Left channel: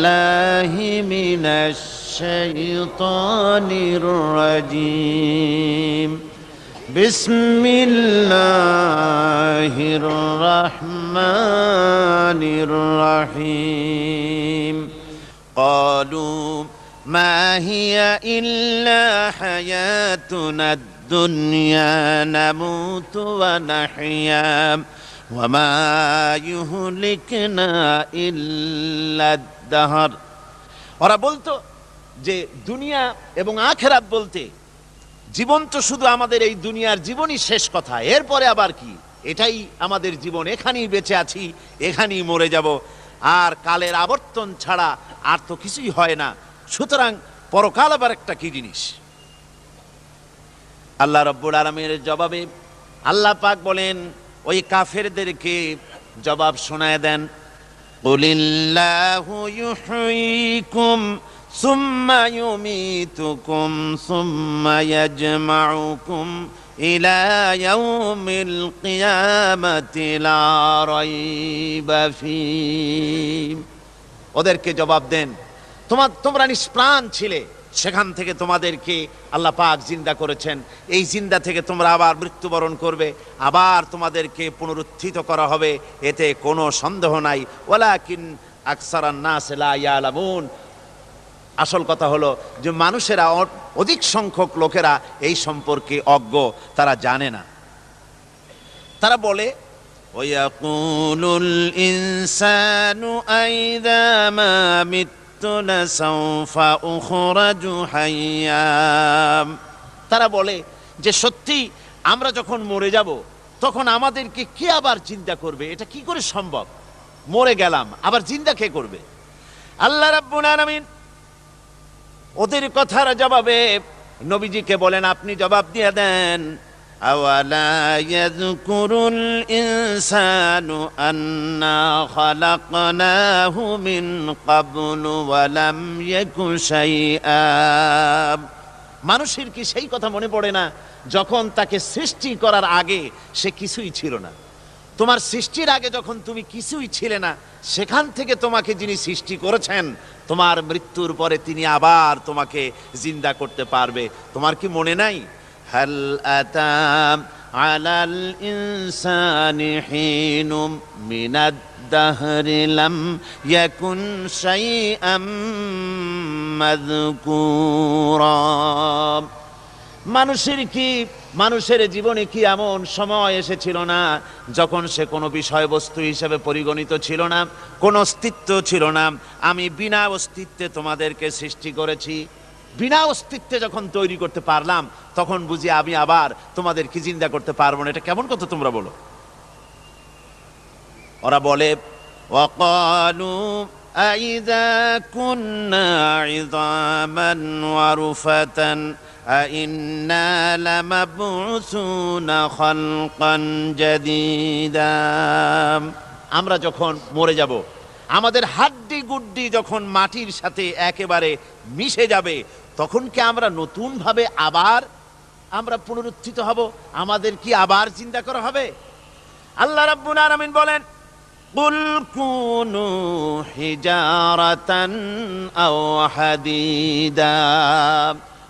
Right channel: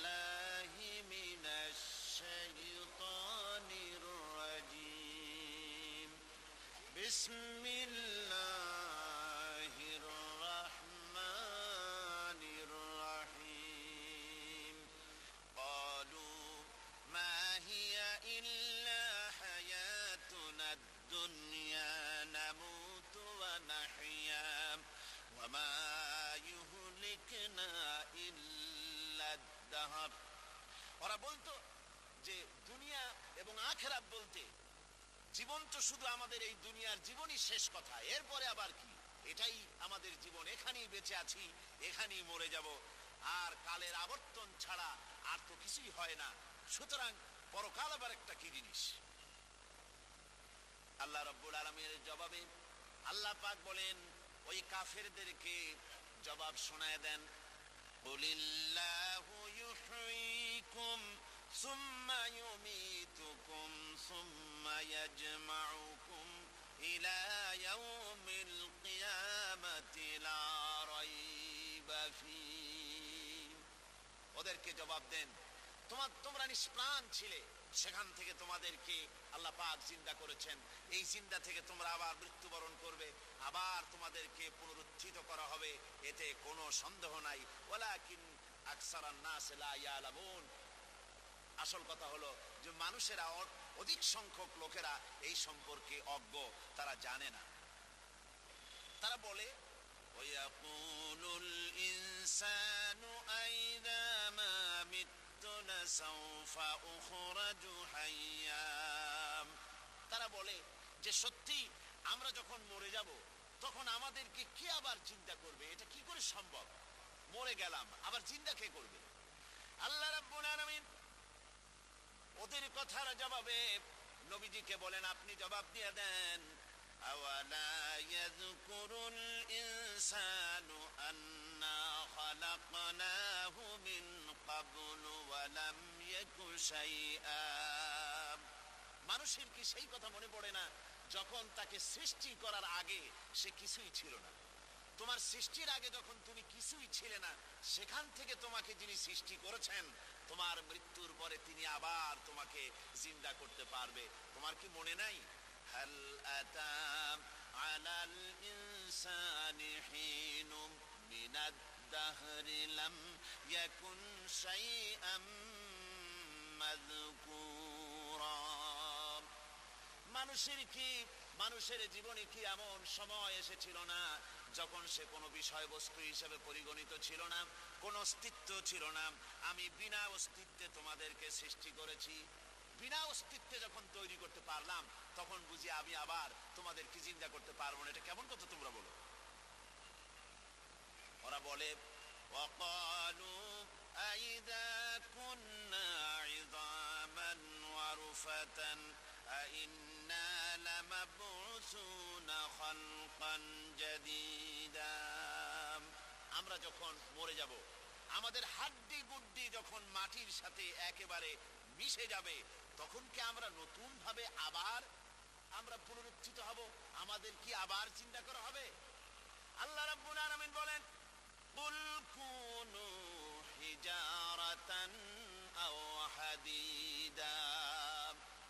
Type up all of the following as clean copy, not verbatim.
বিল্লাহি মিনাশ শাইতানির রাজিম বিসমিল্লাহির রহমানির রহিম ক্বালু মা হিয়া ইল্লা হায়াতুনাদ দুনিয়া নামুতু ওয়া নাহইয়া ওয়া মা ইউহলিকুনা ইল্লাদ দাহর। ওরা বলতো যে দুনিয়া এবং আখিরাত বলতে জীবন তো শুধু আমাদের এই দুনিয়ার জীবনই শেষ কথা, এরপরে আবার কি, এটাই আমাদের জীবন, এখানেই বেঁচে আছি, এখানেই মরে যাব, আর কালের আবর্তন ছাড়া আর তো কিছুই হয় না, সুতরাং পরকাল আবার একটা কি জিনিস। আল্লাহ রাব্বুল আলামিনের জবাবে আল্লাহ পাক বলেন ওই কাফেরদেরকে জবাব শোনায় দেন, কুলিল্লাহু ইউহয়িকুম সুম্মা ইউমীতুকুম সুম্মা ইয়াজমাউকুম ইলা ইয়াউমিল কিয়ামাতি লা রাইবা ফীহ। ওদেরকে জবাব দেন, তোমরা নিষ্প্রাণ ছিলে, সেখান থেকে তোমাদেরকে আল্লাহ পাক জিন্দা করেছেন, এই জিন্দা থেকে তোমরা আবার মৃত্যুবরণ করবে, আবার তোমাদেরকে পুনরুত্থিত করা হবে, এতে কোনো সন্দেহ নাই। ওয়ালাকিন আকসারান নাস লা ইয়ালামুন। আসল কথা হলো যে মানুষেরা, অধিক সংখ্যক লোকেরা এই সম্পর্কে অজ্ঞ, তারা জানে না। তারা বলে ওয়ায়াকুলুল ইনসানু আইযা মা মিততু লাসাউফা উখরাজু হাইয়্যা। তারা বলে যে সত্যি আমরা যখন মরে যাব তখন আমাদেরকে কে আবার চিন্তা করবে, এটা কি করে সম্ভব, মরে গেলাম আবার জিন্দা কে করবে। আল্লাহ রাব্বুল আলামিন ওদের কথার জবাবে নবীজিকে বলেন, আপনি জবাব দিয়ে দেন, আওয়ালা ইয়াযকুরুল ইনসানু আন্না খালাকনাহু মিন ক্বাবলু ওয়া লাম ইয়াকু শাইআ। মানুষের কি সেই কথা মনে পড়ে না যখন তাকে সৃষ্টি করার আগে সে কিছুই ছিল না? তোমার সৃষ্টির আগে যখন তুমি কিছুই ছিলে না, সেখান থেকে তোমাকে যিনি সৃষ্টি করেছেন, তোমার মৃত্যুর পরে তিনি আবার তোমাকে জিন্দা করতে পারবে। তোমার কি মনে নাই? হাল আতা আলাল ইনসানি হিনুম মিনাদ দাহরি লাম ইয়াকুন শাইআম মাযকুরা। মানুষের জীবনে কি এমন সময় এসেছিল না যখন সে কোনো বিষয়বস্তু হিসেবে পরিগণিত ছিল না, কোনো অস্তিত্ব ছিল না? আমি বিনা অস্তিত্বে তোমাদেরকে সৃষ্টি করেছি, বিনা অস্তিত্বে যখন তৈরি করতে পারলাম তখন বুঝি আমি আবার তোমাদেরকে জিন্দা করতে পারবো না? এটা কেমন কথা তোমরা বলো? ওরা বলে ওয়াকালু আইযা কুন্না ইযামান ওয়া রুফাতান আইন্না লামাবউসুনা খালকান জাদীদা। আমরা যখন মরে যাব, আমাদের হাড্ডি গুড্ডি যখন মাটির সাথে একেবারে মিশে যাবে, তখন কি আমরা নতুন ভাবে আবার পুনরুত্থিত হব? আমাদের কি আবার চিন্তা করা হবে? আল্লাহ রাব্বুল আলামিন বলেন, কুল কুনু হিজারাতান আও হাদিদা।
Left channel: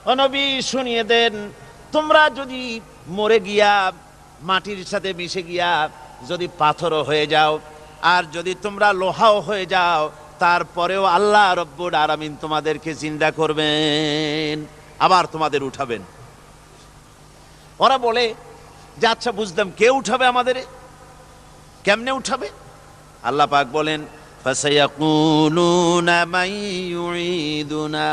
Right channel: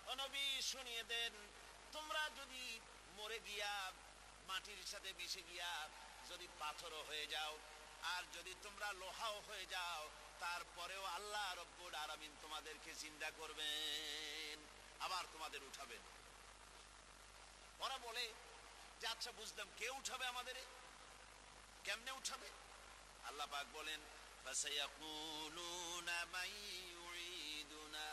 ও নবী, শুনিয়ে দেন, তোমরা যদি মরে গিয়া মাটির সাথে মিশে গিয়া যদি পাথরও হয়ে যাও, আর যদি তোমরা লোহাও হয়ে যাও, তারপরেও আল্লাহ রব্বুল আলামিন তোমাদেরকে জিন্দা করবেন, আবার তোমাদের উঠাবেন। ওরা বলে যে আচ্ছা বুঝলাম, কে উঠাবে আমাদের, কেমনে উঠাবে? আল্লাহ পাক বলেন, ফাসায়াকুলুনা মান ইউঈদুনা।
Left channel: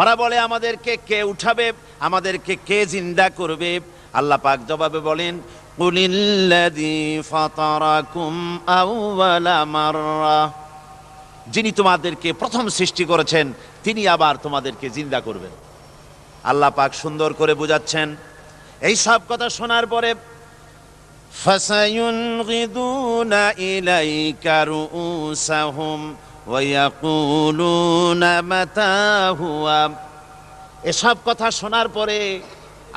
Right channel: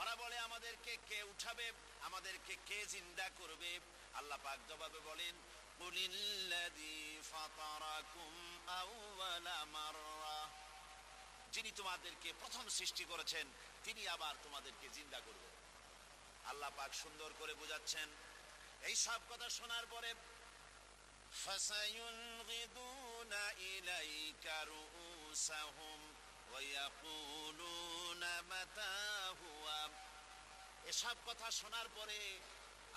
ওরা বলে আমাদেরকে কে উঠাবে, আমাদেরকে কে জিন্দা করবে? আল্লাহ পাক জবাবে বলেন, কুলিল্লাযী ফাতারাকুম আউওয়ালা মাররা। যিনি তোমাদেরকে প্রথম সৃষ্টি করেছেন তিনি আবার তোমাদেরকে জিন্দা করবেন। আল্লাহ পাক সুন্দর করে বুঝাচ্ছেন। এই সব কথা শোনার পরে ফাসায়ুনগিদুনা ইলাইকা রুউসাহুম ওয়া ইয়াকুলুনা মাতা হুয়া। এসব কথা শোনার পরে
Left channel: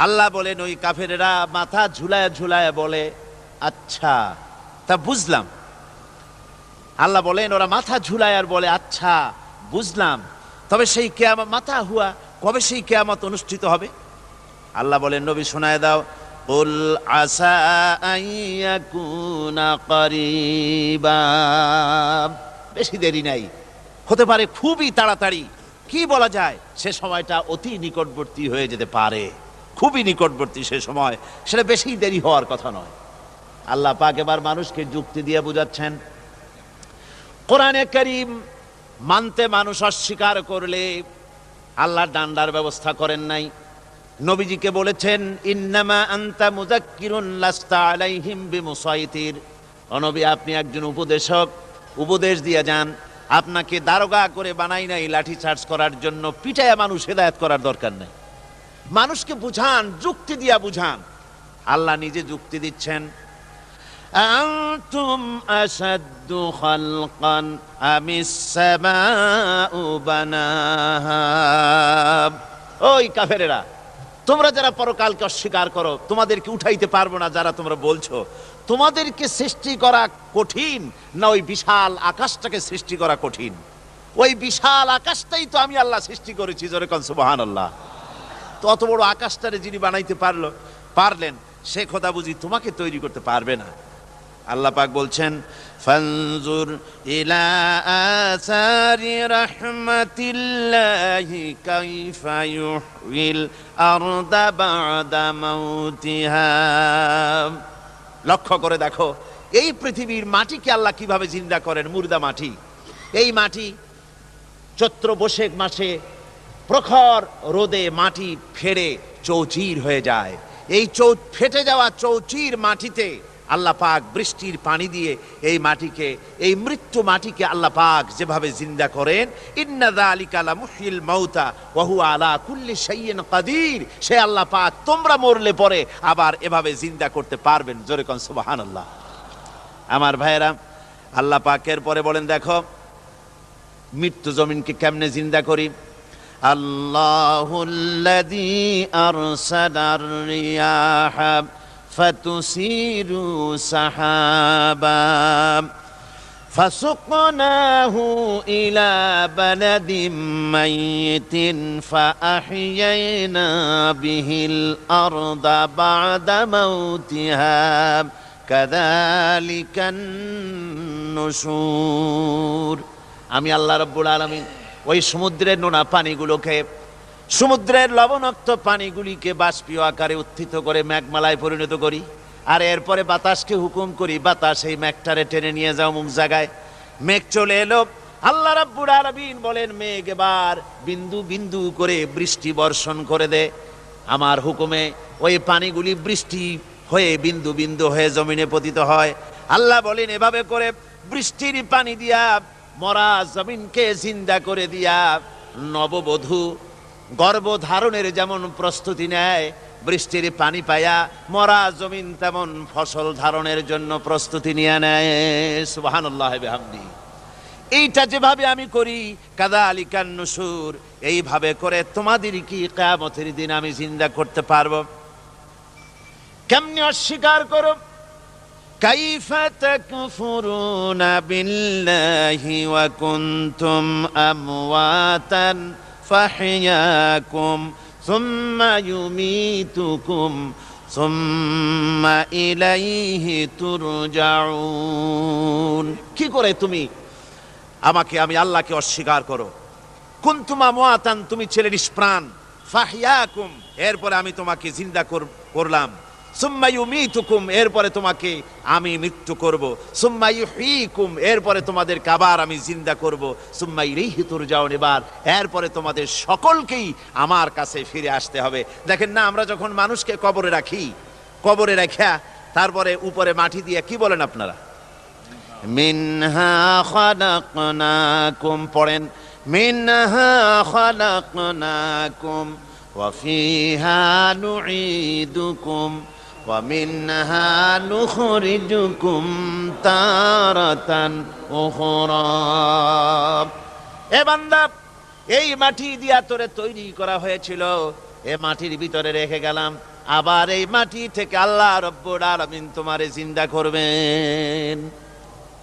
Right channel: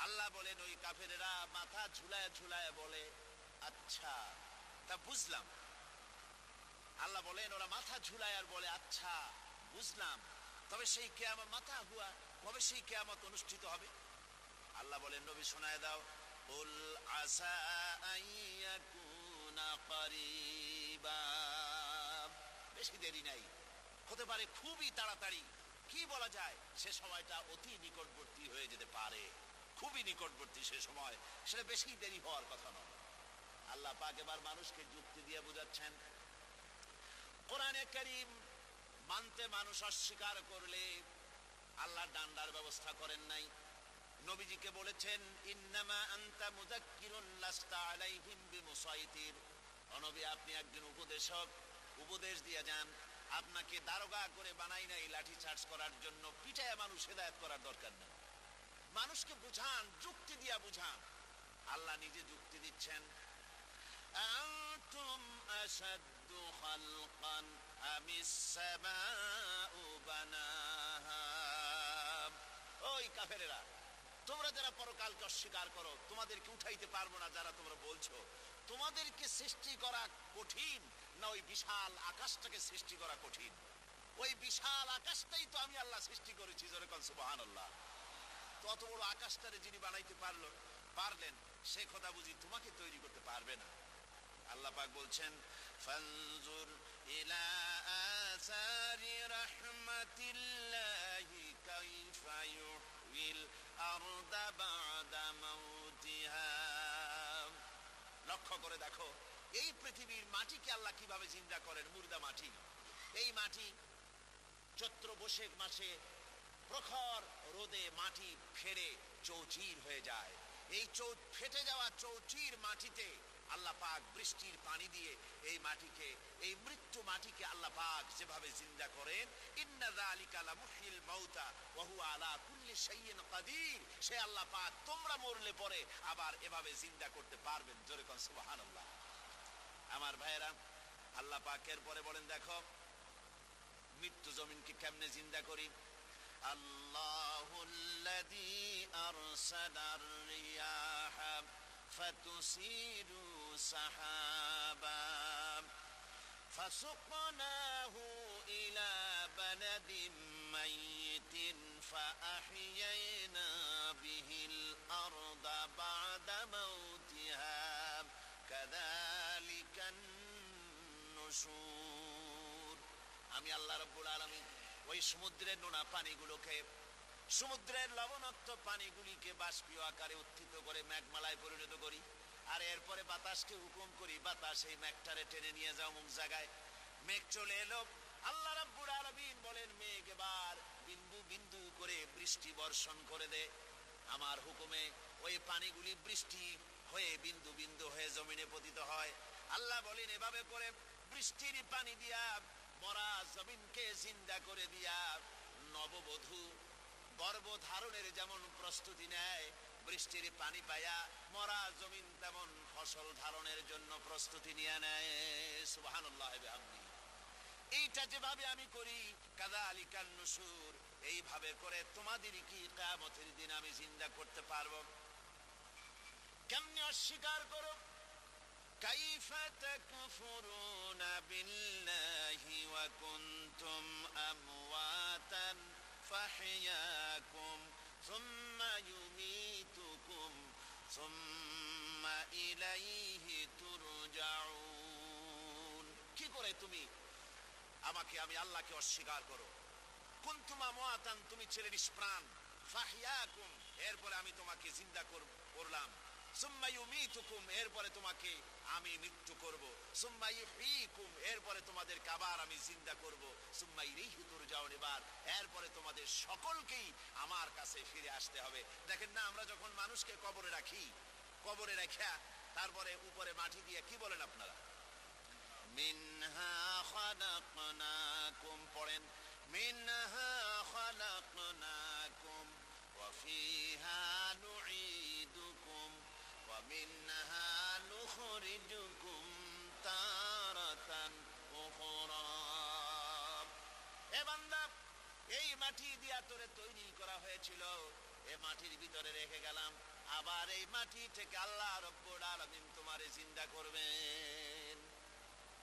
আল্লাহ বলেন, ওই কাফেরেরা মাথা ঝুলায় ঝুলায় বলে, আচ্ছা তা বুঝলাম। আল্লাহ বলেন ওরা মাথা ঝুলায় আর বলে, আচ্ছা বুঝলাম, তবে সেই কিয়ামত মাতা হুয়া, কবে সেই কিয়ামত অনুষ্ঠিত হবে? আল্লাহ বলেন, নবী শোনায় দাও, কুল আসা আইয়াকুনা করিবা, বেশি দেরি নাই, হতে পারে খুবই তাড়াতাড়ি। কি বলা যায়, সে সময়টা অতি নিকটবর্তী হয়ে যেতে পারে, খুবই নিকটবর্তী সে সময়, সেটা বেশি দেরি হওয়ার কথা নয়। আল্লাহ পাক এবার মানুষকে যুক্তি দিয়ে বুঝাচ্ছেন। কোরআনে কারীম মানতে মানুষ অস্বীকার করলে আল্লাহ ডান্ডার ব্যবস্থা করেন নাই। নবীজিকে বলেছেন, ইন্নামা আনতা মুযাক্কিরুন লাস্তা আলাইহিম বিমুসাইতির। ও নবী, আপনি একজন উপদেশক, উপদেশ দিয়ে যান। আপনাকে দারোগা করে বানাই নাই লাঠি চার্জ করার জন্য, পিটায়া মানুষ হেদায়েত করার দরকার নেই। মানুষকে বুঝান, যুক্তি দিয়া বুঝান। আল্লাহ নিজে যুক্তি দিচ্ছেন, আনতুম আশাদ্দু খালকান আমিস সামাউ বানাহা। ওই কাফেরেরা, তোমরা যারা পরকালকে অস্বীকার করো, তোমাদেরকে উঠাইতে পারবো না যারা তোমরা বলছো, তোমাদেরকে সৃষ্টি করা কঠিন না ওই বিশাল আকাশটাকে সৃষ্টি করা কঠিন? ওই বিশাল আকাশটাই তো আমি আল্লাহ সৃষ্টি করেছি, জোরে কোন সুবহানাল্লাহ। তো অত বড় আকাশটারে যিনি বানাইতে পারলেন, সে খোদা বুঝি তোমাকে তৈরি করতে পারবে না? আল্লাহ পাক বলছেন, ফানজুর ইলা আসারি রাহমাতিল্লাহি কাইফা ইউহিল আরদা বাদা মাউতিহা। লক্ষ্য করে দেখো, এই পৃথিবীর মাটিকে আল্লাহ কিভাবে জিন্দা করেন, মুর্দা মাটি। এই মাটি চৈত্র বৈশাখ মাসে প্রখর রোদে মাটি ফেড়ে চৌচির হয়ে যায়। এই ফেটে যাওয়া চৌচির মাটিতে আল্লাহ পাক বৃষ্টির পানি দিয়ে এই মাটিকে, এই মৃত্যু মাটিকে আল্লাহ পাক যেভাবে জিন্দা করেন, ইন্না যালিকা লামুহয়িল মাউতা ওয়া হুয়া আলা কুল্লি শাইইন কাদির, সে আল্লাহ পাক তোমরা মরলে পরে আবার এভাবে জিন্দা করতে পারবেন, জোরে কোন সুবহানাল্লাহ। আমার ভাইয়েরা, আল্লাহ পাকের পরে বলেন, দেখো মৃত্যু জমিনকে কেমনে জিন্দা করি। আল্লাহুল্লাযী আরসালার রিয়াহা ফাতুসিরু সাহাবা ফাসুকনাহু ইলা বালাদিম মাইয়িতিন ফাআহইয়ানা বিহিল আরদা বা'দা মাউতিহা কাযালিকান নুশুর। আমি আল্লাহ রাব্বুল আলামিন ওই সমুদ্রের নোনা পানিগুলোকে, সমুদ্রের লবণাক্ত পানিগুলিকে বাষ্পীয় আকারে উত্থিত করে মেঘমালায় পরিণত করি, আর এরপরে বাতাসকে হুকুম করি, বাতাস এই মেঘটারে টেনে নিয়ে যাও মুখ জায়গায়। মেঘ চলে এলো, আল্লাহ রাব্বুল আলামিন বলেন, মেঘ এবার বিন্দু বিন্দু করে বৃষ্টি বর্ষণ করে দে। আমার হুকুমে ওই পানিগুলি বৃষ্টি হয়ে বিন্দু বিন্দু হয়ে জমিনে পতিত হয়। আল্লাহ বলেন, এভাবে করে বৃষ্টির পানি দিয়া মরা জমিনকে জিন্দা করে দিয়া নববধূ গর্ভধারণের যেমন প্রস্তুতি নেয়, বৃষ্টির পানি পায়া মরা জমিন তেমন ফসল ধারণের জন্য প্রস্তুতি নিয়ে নেয়। সুবহানাল্লাহ বিহামদি। এইটা যেভাবে আমি করি, কাযালিকান নুশুর, এইভাবে করে তোমাদের কি কিয়ামতের দিন আমি জিন্দা করতে পারবো? কেমনে অস্বীকার করো? কাইফা তাকফুরুনা বিল্লাহি ওয়া কুনতুম আমওয়াতান ফাহইয়াকুম সুম্মা ইউমীতুকুম সুম্মা ইলাইহি তুরজাউন। কি করে তুমি আমি আল্লাহকে অস্বীকার করো? কুনতুম আমওয়াতান, তুমি ছিলে নিষ্প্রাণ, ফাহইয়াকুম, এরপরে আমি তোমাকে জিন্দা করলাম, সুম্মা ইউমীতুকুম, এরপরে তোমাকে আমি মৃত্যু করব, সুম্মা ইউহয়ীকুম, এরপরে তোমাদেরকে আবার আমি জিন্দা করব, সুম্মা ইলাইহি তুরজাউন, এবার এরপরে তোমাদের সকলকেই আমার কাছে ফিরে আসতে হবে। দেখেন না, আমরা যখন মানুষকে কবরে রাখি, কবরে রাখা তারপরে উপরে মাটি দিয়ে কি বলেন আপনারা? মিনহা খালাকনাকুম, পড়েন, মিনহা খালাকনাকুম ওয়া ফিহা নুঈদুকুম ওয়া মিনহা নুখরিজুকুম তারাতান উখরা। এ বান্দা, এই মাটি দিয়া তোরে তৈরি করা হয়েছিল, এ মাটির ভিতরে রেখে গেলাম, আবার এই মাটি থেকে আল্লাহ রাব্বুল আলামিন তোমারে জিন্দা করবেন।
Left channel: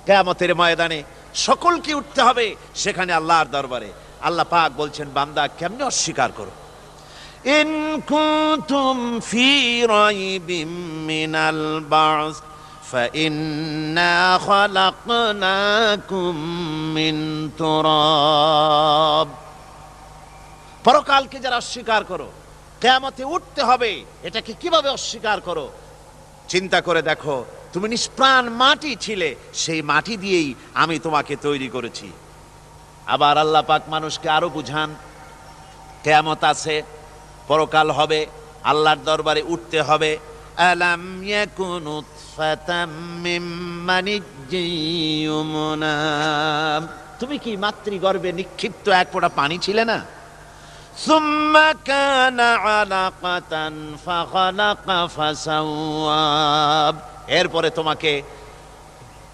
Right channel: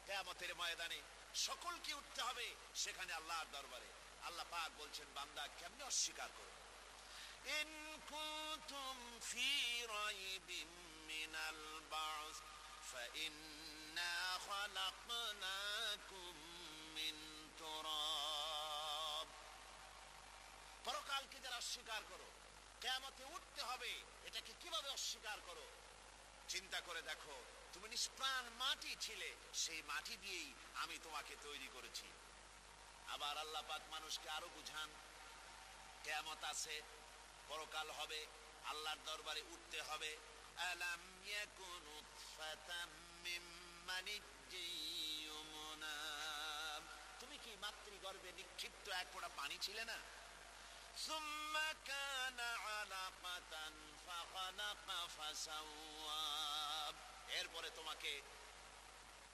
কিয়ামতের ময়দানে সকলকে উঠতে হবে সেখানে আল্লাহর দরবারে। আল্লাহ পাক বলছেন, বান্দা কেমনে অস্বীকার করো। ইন কুনতুম ফি রাইবিম মিনাল বা'স فإنا خلقناكم من تراب। পরকালকে যারা অস্বীকার করো, কিয়ামতে উঠতে হবে, এটাকে কিভাবে অস্বীকার করো? চিন্তা করে দেখো, তুমি নিষ্প্রাণ মাটি ছিলে, সেই মাটি দিয়েই আমি তোমাকে তৈরি করেছি। আবার আল্লাহ পাক মানুষকে আরো বুঝান, কিয়ামত আছে, পরকাল হবে, আল্লাহর দরবারে উঠতে হবে। আলাম ইয়াকুন উতফাতাম মিন মানিজ্জিন ইউমনা। তুমি কি মাতৃগর্ভে নিক্ষিপ্ত এক ফোঁটা পানি ছিলে না? সুম্মা কানা আলাকাতান ফাখালাকা ফাসাওয়া। এরপরে তোমাকে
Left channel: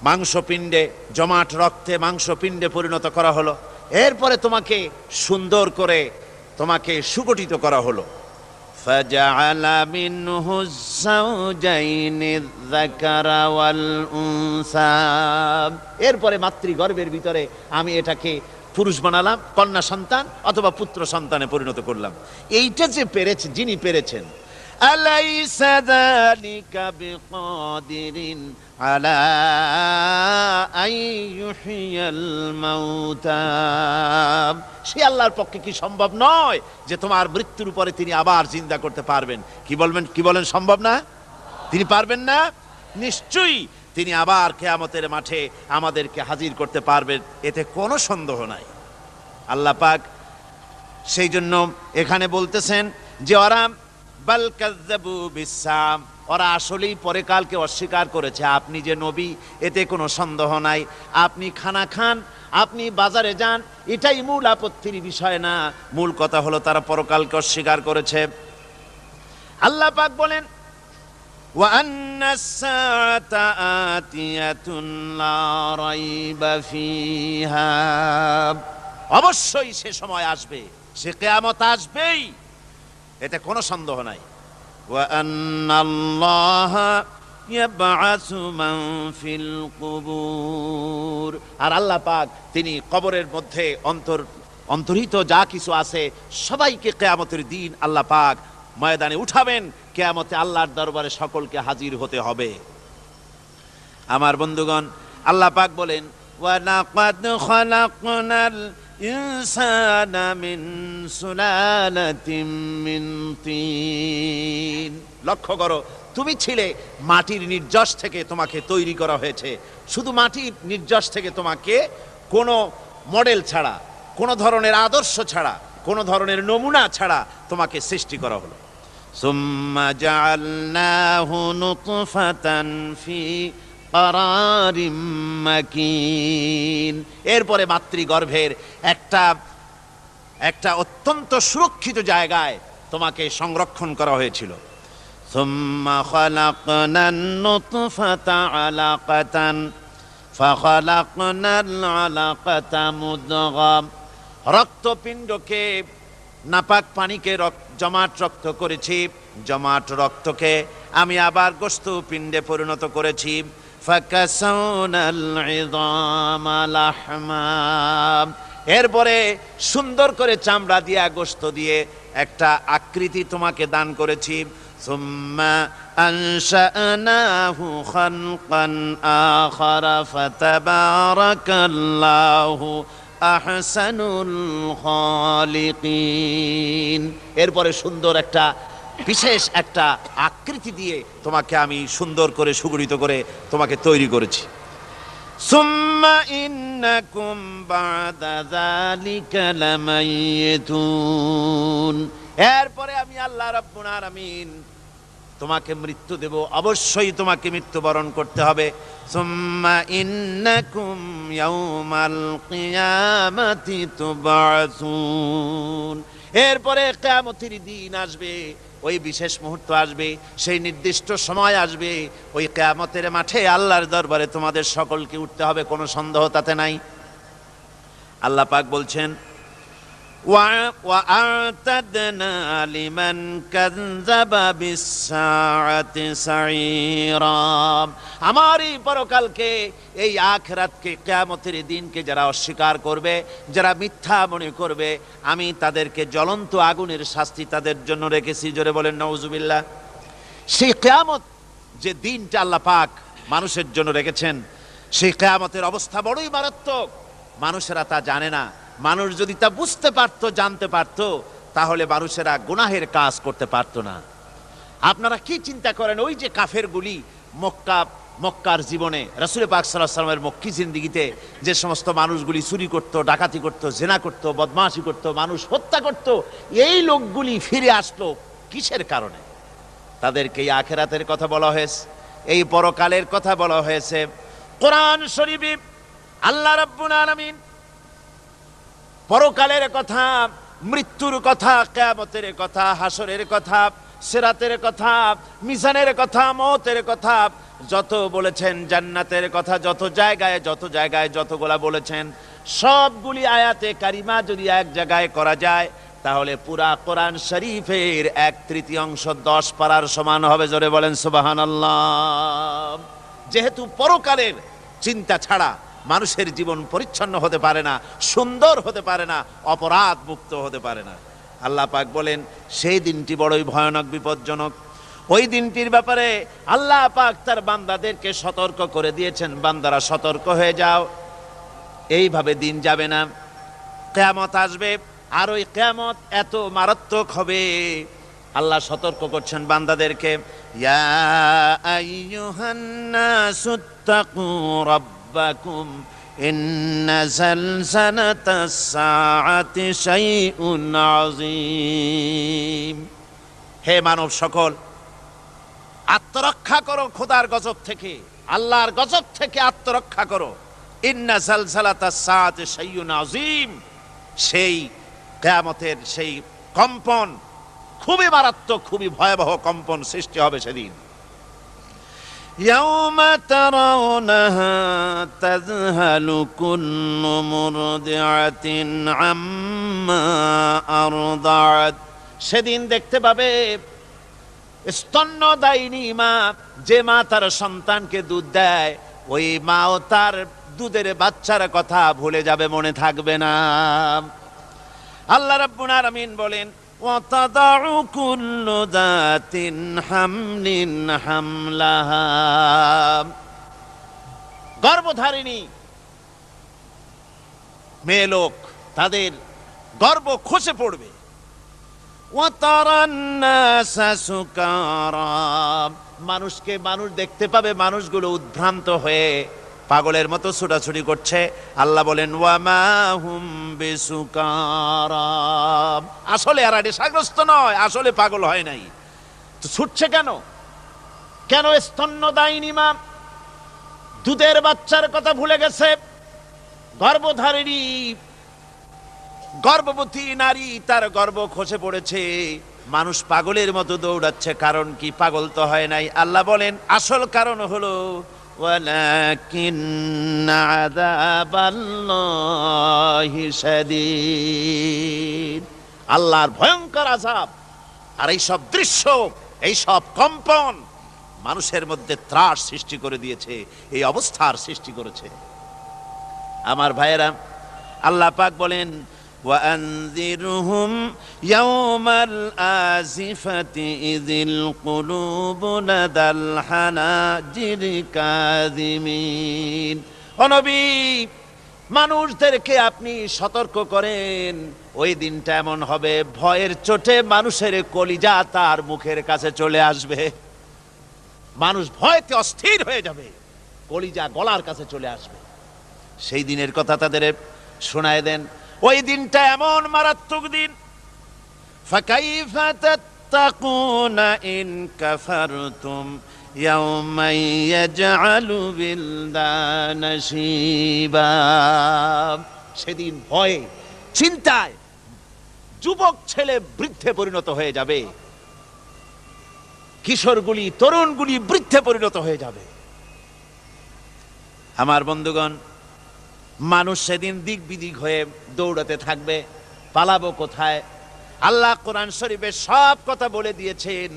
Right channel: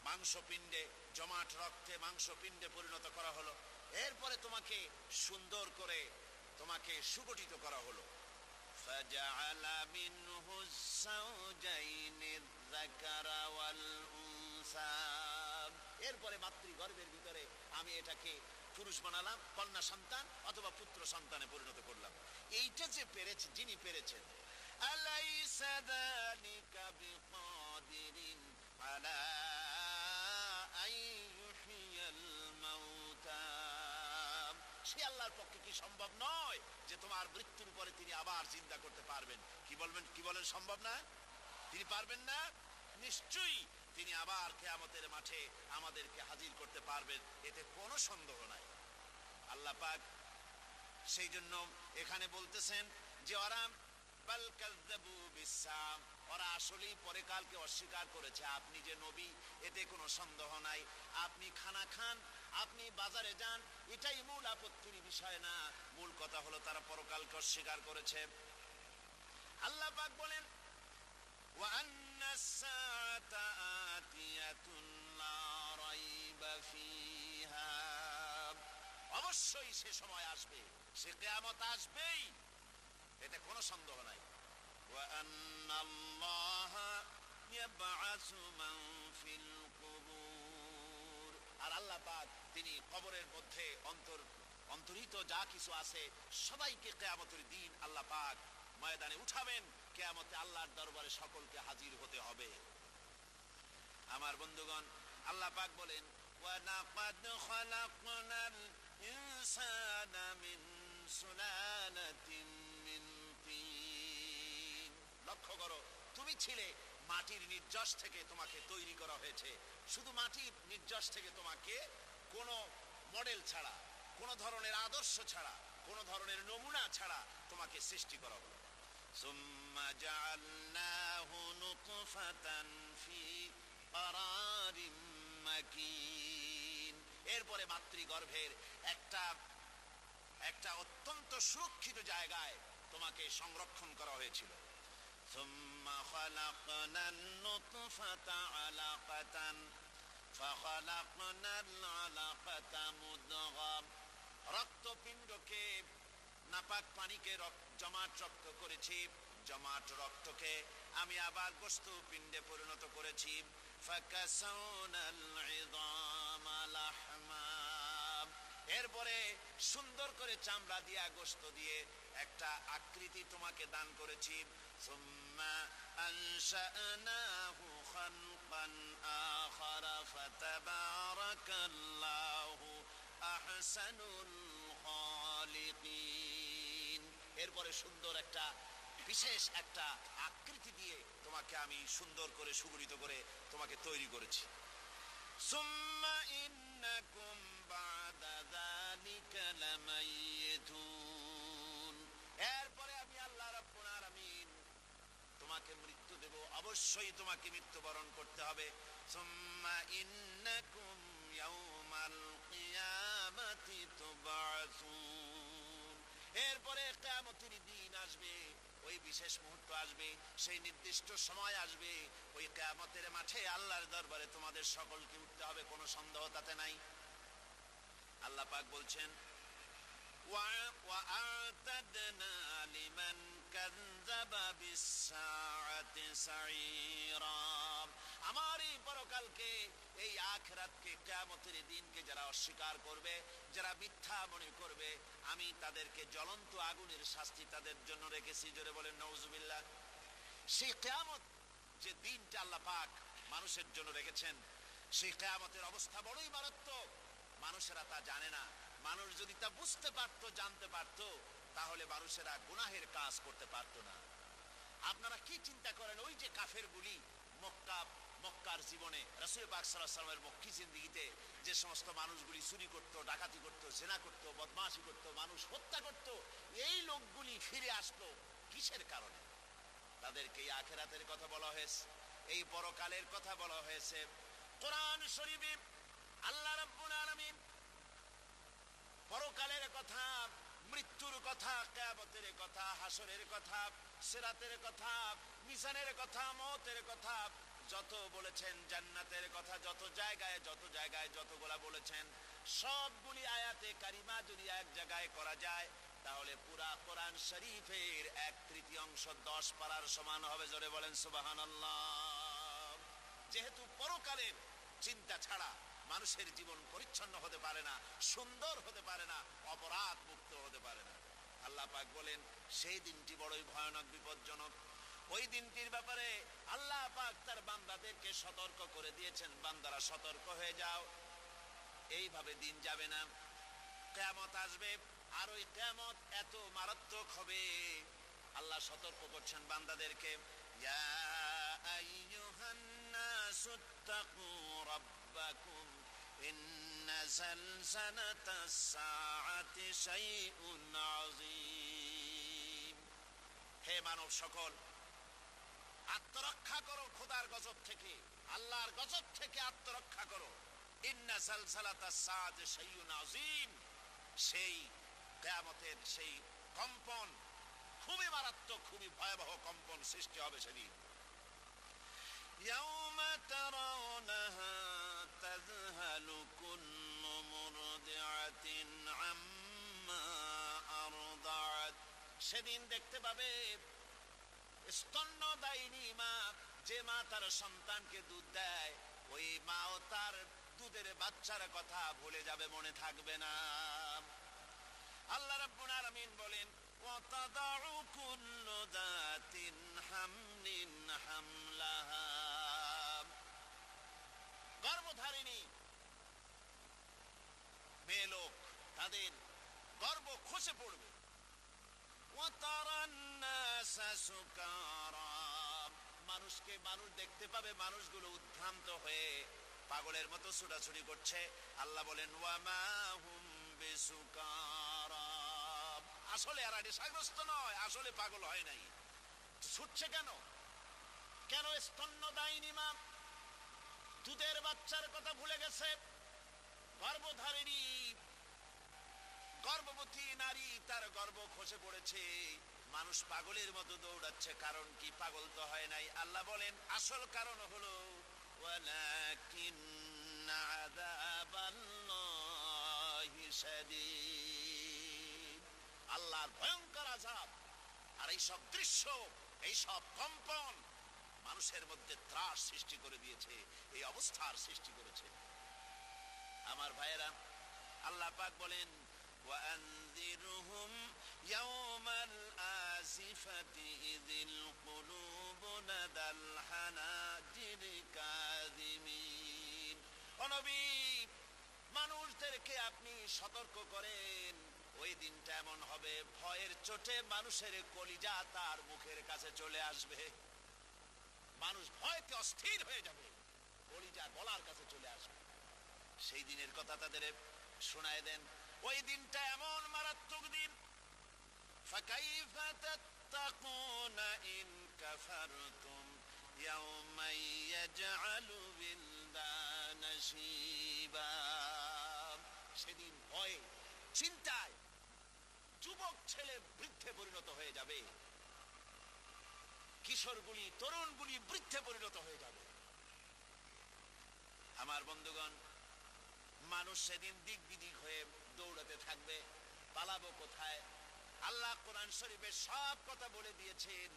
মাংসপিণ্ডে, জমাট রক্তে মাংসপিণ্ডে পরিণত করা হলো। এরপরে তোমাকে সুন্দর করে তোমাকে সুগঠিত করা হলো। ফাজআলা মিনহু যাওজাইনি যাকারা ওয়াল উনসা। এরপরে মাতৃগর্ভের ভিতরে আমি এটাকে পুরুষ বানালাম, কন্যা সন্তান অথবা পুত্র সন্তানে পরিণত করলাম। এইটা যে পেরেছে, যিনি পেরেছেন, আলাইসা যালিকা বিকাদিরিন আলা আইয়ুহিয়াল মাউতা। সে আল্লাহর পক্ষে কি সম্ভব নয় যে তোমার মৃত্যুর উপরে তিনি আবার জিন্দা করতে পারবেন? কি বলেন সম্ভব না? তিনি পারবেন না? নিশ্চয়ই তিনি আবার কিয়ামতের মাঠে আমাদেরকে হাজির করতে পারবেন, এতে কোনো সন্দেহ নাই। আল্লাহ পাক সেই জন্য এখানে বলতেছেন যে ওরা বাল কাযযাবু বিসসাম, ওরা আসলেই পরকালকে অস্বীকার করেছে। আপনি যে নবী, এতে কোনো সন্দেহ নাই। আপনি খানা খান, আপনি বাজারে যান, এটাই মূল আপত্তির বিষয় না। মূল কথা হলো তারা পরকালকে অস্বীকার করেছে। আল্লাহ পাক বলেন, ওয়া আন্নাস সাআতা আতিয়াতুন লা রাইবা ফিহা। অবশ্যই সে সময় আসবে, সে কিয়ামত আসবেই, এতে কোনো সন্দেহ নাই। ওয়া আন্নাল্লাহা ইয়াবআসু মান ফিল কুবুর। আর আল্লাহ পাক তিনি কবরের মধ্যে অন্তর্হিত যা কিছু আছে সবাইকে কিয়ামতের দিন আল্লাহ পাক ময়দানে উঠাবেন। কিয়ামতে আল্লাহর দরবারে সকলকে হাজির হতে হবে। আমার বন্ধুগণ, আল্লাহ পাক বলেন, ওয়া লাকাদ খালাকনাল ইনসানা মিন সুলালাতিন মিন তিন। লক্ষ্য করো, তুমি ছিলে মাটির নির্যাস থেকে তোমাকে তৈরি করা হয়েছে। শুধু মাটির নির্যাস থেকে তোমাকে কোনো মডেল ছাড়া, কোনো ধরনের আদর্শ ছাড়া, কোনো ধরনের নমুনা ছাড়া তোমাকে সৃষ্টি করা হলো। সুম্মা জাআলনাহু নুতফাতান ফি কারারিম মাকিন। এরপরে মাতৃগর্ভের একটা অত্যন্ত সুরক্ষিত জায়গায় তোমাকে সংরক্ষণ করা হয়েছিল। সুম্মা খালাকনান নুতফাতা আলাকাতান ফাখালাকনাল আলাকাতা মুদগাম। রক্তপিণ্ডকে, নাপাক পানিকে জমাট রক্ত করেছি, জমাট রক্তকে আমি আবার গোস্ত পিণ্ডে পরিণত করেছি। ফাকাসাউনাল ইযামা লাহমা। এরপরে সুন্দর করে চামড়া দিয়ে, গোস্ত দিয়ে একটা আকৃতি তোমাকে দান করেছি। সুম্মা আনশানাহু খালকান আখারা ফাতাবারাকাল্লাহু আহসানুল খালিকিন। এরপরে সুন্দর একটা বিশেষ একটা আকৃতি দিয়ে তোমাকে আমি সুন্দর করে সুগঠিত করে তোমাকে তৈরি করেছি। সুম্মা ইন্নাকুম বাদা যালিকা লামাইতুন। এরপরে আমি আল্লাহ রাব্বুল আলামিন তোমাকে মৃত্যু দেব, অবশ্যই তোমাকে মৃত্যুবরণ করতে হবে। সুম্মা ইন্নাকুম ইয়াউমাল কিয়ামাতি তুবআসুন। এরপরে কিয়ামতের দিন আসবে, ওই বিশেষ মুহূর্ত আসবে, সেই নির্দিষ্ট সময় আসবে, ওই কিয়ামতের মাঠে আল্লাহর দরবারে তোমাদের সকলকে উঠতে হবে, কোনো সন্দেহ তাতে নাই। আল্লাহ পাক বলছেন, وأعتدنا لمن كذب بالساعة سعيرا। আমার এই পরকালকে, এই আখিরাতকে, কিয়ামতের দিনকে যারা অস্বীকার করবে, যারা মিথ্যা মনে করবে, আমি তাদেরকে জ্বলন্ত আগুনের শাস্তি তাদের জন্য রেখেছি। জোরে বলেন নাউজুবিল্লাহ। সেই কিয়ামত যে দিনটা আল্লাহ পাক মানুষের জন্য রেখেছেন, সেই কিয়ামতের অবস্থা বড়ই মারাত্মক। মানুষেরা তা জানে না। মানুষ যদি তা বুঝতে পারত, জানতে পারত, তাহলে মানুষেরা গুনাহের কাজ করতে পারত না। আপনারা কি চিন্তা করেন, ওই যে কাফেরগুলি মক্কার জীবনে, রাসূল পাক সাল্লাল্লাহু আলাইহি ওয়াসাল্লামের মক্কি জিন্দেগিতে যে সমস্ত মানুষগুলি চুরি করত, ডাকাতি করত, জেনা করত, বদমাশি করত, মানুষ হত্যা করত, এই লোকগুলি ফিরে আসলো কিসের কারণে? তাদেরকে এই আখিরাতের কথা বলা হয়েছে, এই পরকালের কথা বলা হয়েছে। কোরআন শরীফে আল্লাহ রাব্বুল আলামিন পরকালের কথা, মৃত্যুর কথা, কিয়ামতের কথা, হাসরের কথা, সিরাতের কথা, মিজানের কথা, মওতের কথা যত বলেছেন, জান্নাতের কথা যত জায়গায় যতগুলা বলেছেন, সবগুলি আয়াতে কারিমা যদি এক জায়গায় করা যায়, তাহলে পুরা কোরআন শরীফের 1/3 10 পারার সমান হবে। জোরে বলেন সুবহানাল্লাহ। যেহেতু পরকালের চিন্তা ছাড়া মানুষের জীবন পরিচ্ছন্ন হতে পারে না, সুন্দর হতে পারে না, অপরাধ মুক্ত হতে পারে না। আল্লাহ পাক বলেন সেই দিনটি বড়ই ভয়ানক, বিপজ্জনক। ওই দিনটির ব্যাপারে আল্লাহ পাক তার বান্দাদেরকে সতর্ক করে দিয়েছেন, বান্দারা সতর্ক হয়ে যাও, এইভাবে দিন যাবে না, কিয়ামত আসবে। আর ওই কিয়ামত এত মারাত্মক হবে, আল্লাহ সতর্ক করছেন বান্দাদেরকে। ইয়া আইয়ুহান নাসুত্তাকু রাব্বাকুম ইন্না যালযালাতাস সাআতি শাইউন আযীম। হে মানব সকল, আত্মরক্ষা করো খোদার গজব থেকে, আল্লাহর গজব থেকে আত্মরক্ষা করো। ইন্না যালযালাতাস সাআতি শাইউন আযীম, সেই কিয়ামতের সেই কম্পন খুবই মারাত্মক, খুবই ভয়াবহ কম্পন সৃষ্টি হবে সেদিন। ইয়াউমা তারাউনাহা তাযহালু কুল্লু মুরদিআতিন আম্মা আরদাআত। সেদিন দেখতে পাবে স্তন্যদায়িনী মা, যে মা তার সন্তানকে দুধ দেয়, ওই মাও তার দুধের বাচ্চার কথা ভুলে যাবে, মনে থাকবে না। আল্লাহ রাব্বুল আলামিন বলেন ওয়াতাদাউ কুল্লু যাতিন হামলিন হামলাহা। গর্ভধারিণী মেয়ে লোক, তাদের গর্ভ খসে পড়বে। ওয়াতারান নাসা সুকারা, মানুষকে মানুষ দেখতে পাবে, মানুষগুলো উদ্ভ্রান্ত হয়ে পাগলের মতো ছোটাছুটি করছে। আল্লাহ বলেন ওয়ামা হুম বিসুকারা, আসলে এরা নেশাগ্রস্ত নয়, আসলে পাগল হয় নাই। তো ছুটছে কেন? কেন? স্তন্যদায়িনী মা দুধের বাচ্চার কথা ভুলে গেছে। গর্ভধারিণী গর্ভবতী নারী, তার গর্ভ খসে পড়েছে, মানুষ পাগলের মতো দৌড়াচ্ছে। কারণ কি? পাগল তো হয় নাই। আল্লাহ বলেন আসল কারণ হলো ওয়ালাকিন্না আযাবাল্লাহি শাদীদ, আল্লাহর ভয়ঙ্কর আযাব। আর এই সব দৃশ্য, এই সব কম্পন মানুষের মধ্যে ত্রাস সৃষ্টি করে দিয়েছে, এই অবস্থার সৃষ্টি করেছে। আমার ভাইয়েরা, আল্লাহ পাক বলেন وأنذرهم يوم الآزفة إذ القلوب لدى الحناجر كاظمين। ও নবী, মানুষদেরকে আপনি সতর্ক করেন, ওই দিনটা এমন হবে, ভয়ের চোটে মানুষের কলিজা তার মুখের কাছে চলে আসবে। মানুষ ভয়তে অস্থির হয়ে যাবে, কলিজা গলার কাছে চলে আসবে। সেই দিনের কথা তাদের শোনায় দেন। ওই দিনটা এমন মারাত্মক দিন। ফাকাইফা তাত্তাকুনা ইন কাফারতুম ইয়াওমা ইয়াজআলু বিলদানা শিবা। সেদিন ভয়ে, চিন্তায় যুবক ছেলে বৃদ্ধে পরিণত হয়ে যাবে, কিশোরগুলি, তরুণগুলি বৃদ্ধে পরিণত হয়ে যাবে। আমার বন্ধুগণ, মানুষ সেদিন দিক বিদিক হয়ে দৌড়াতে থাকবে, পালাবো কোথায়? আল্লাহ কোরআন শরীফে সব কথা বলে দিয়েছেন।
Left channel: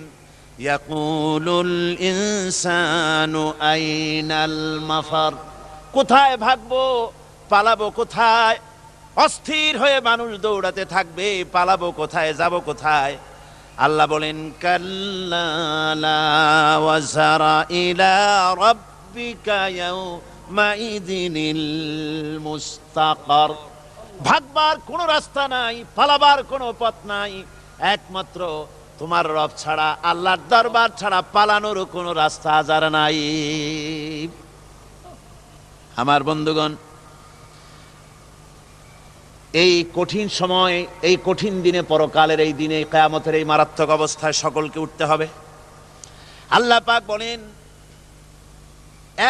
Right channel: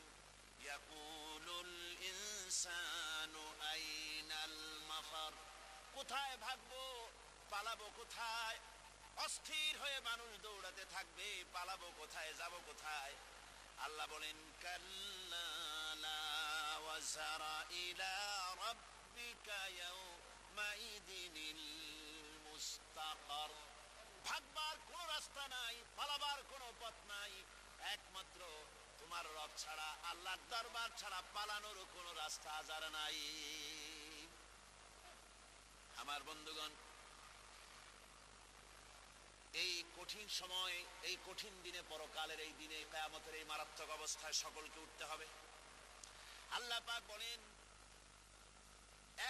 ইয়াকুলুল ইনসানু আইনাল মাফার, কোথায় ভাগবো, পালাবো কোথায়? অস্থির হয়ে মানুষ দৌড়াতে থাকবে, পালাবো কোথায়, যাব কোথায়? আল্লাহ বলেন কাল্লা লা ওয়াজারা ইলা রাব্বিকা ইয়াউমাইযিনিল মুস্তাকার। ভাগবার কোনো রাস্তা নাই, পালাবার কোনো পথ নাই, একমাত্র তোমার রব ছাড়া, আল্লাহর দরবার ছাড়া পালানোর কোনো রাস্তা আজার নাই। আমার বন্ধুগণ, এই কঠিন সময়, এই কঠিন দিনে, পরকালের এই দিনে, কিয়ামতের এই মারাত্মক অবস্থায় সকলকে উঠতে হবে। আল্লাহ পাক বলেন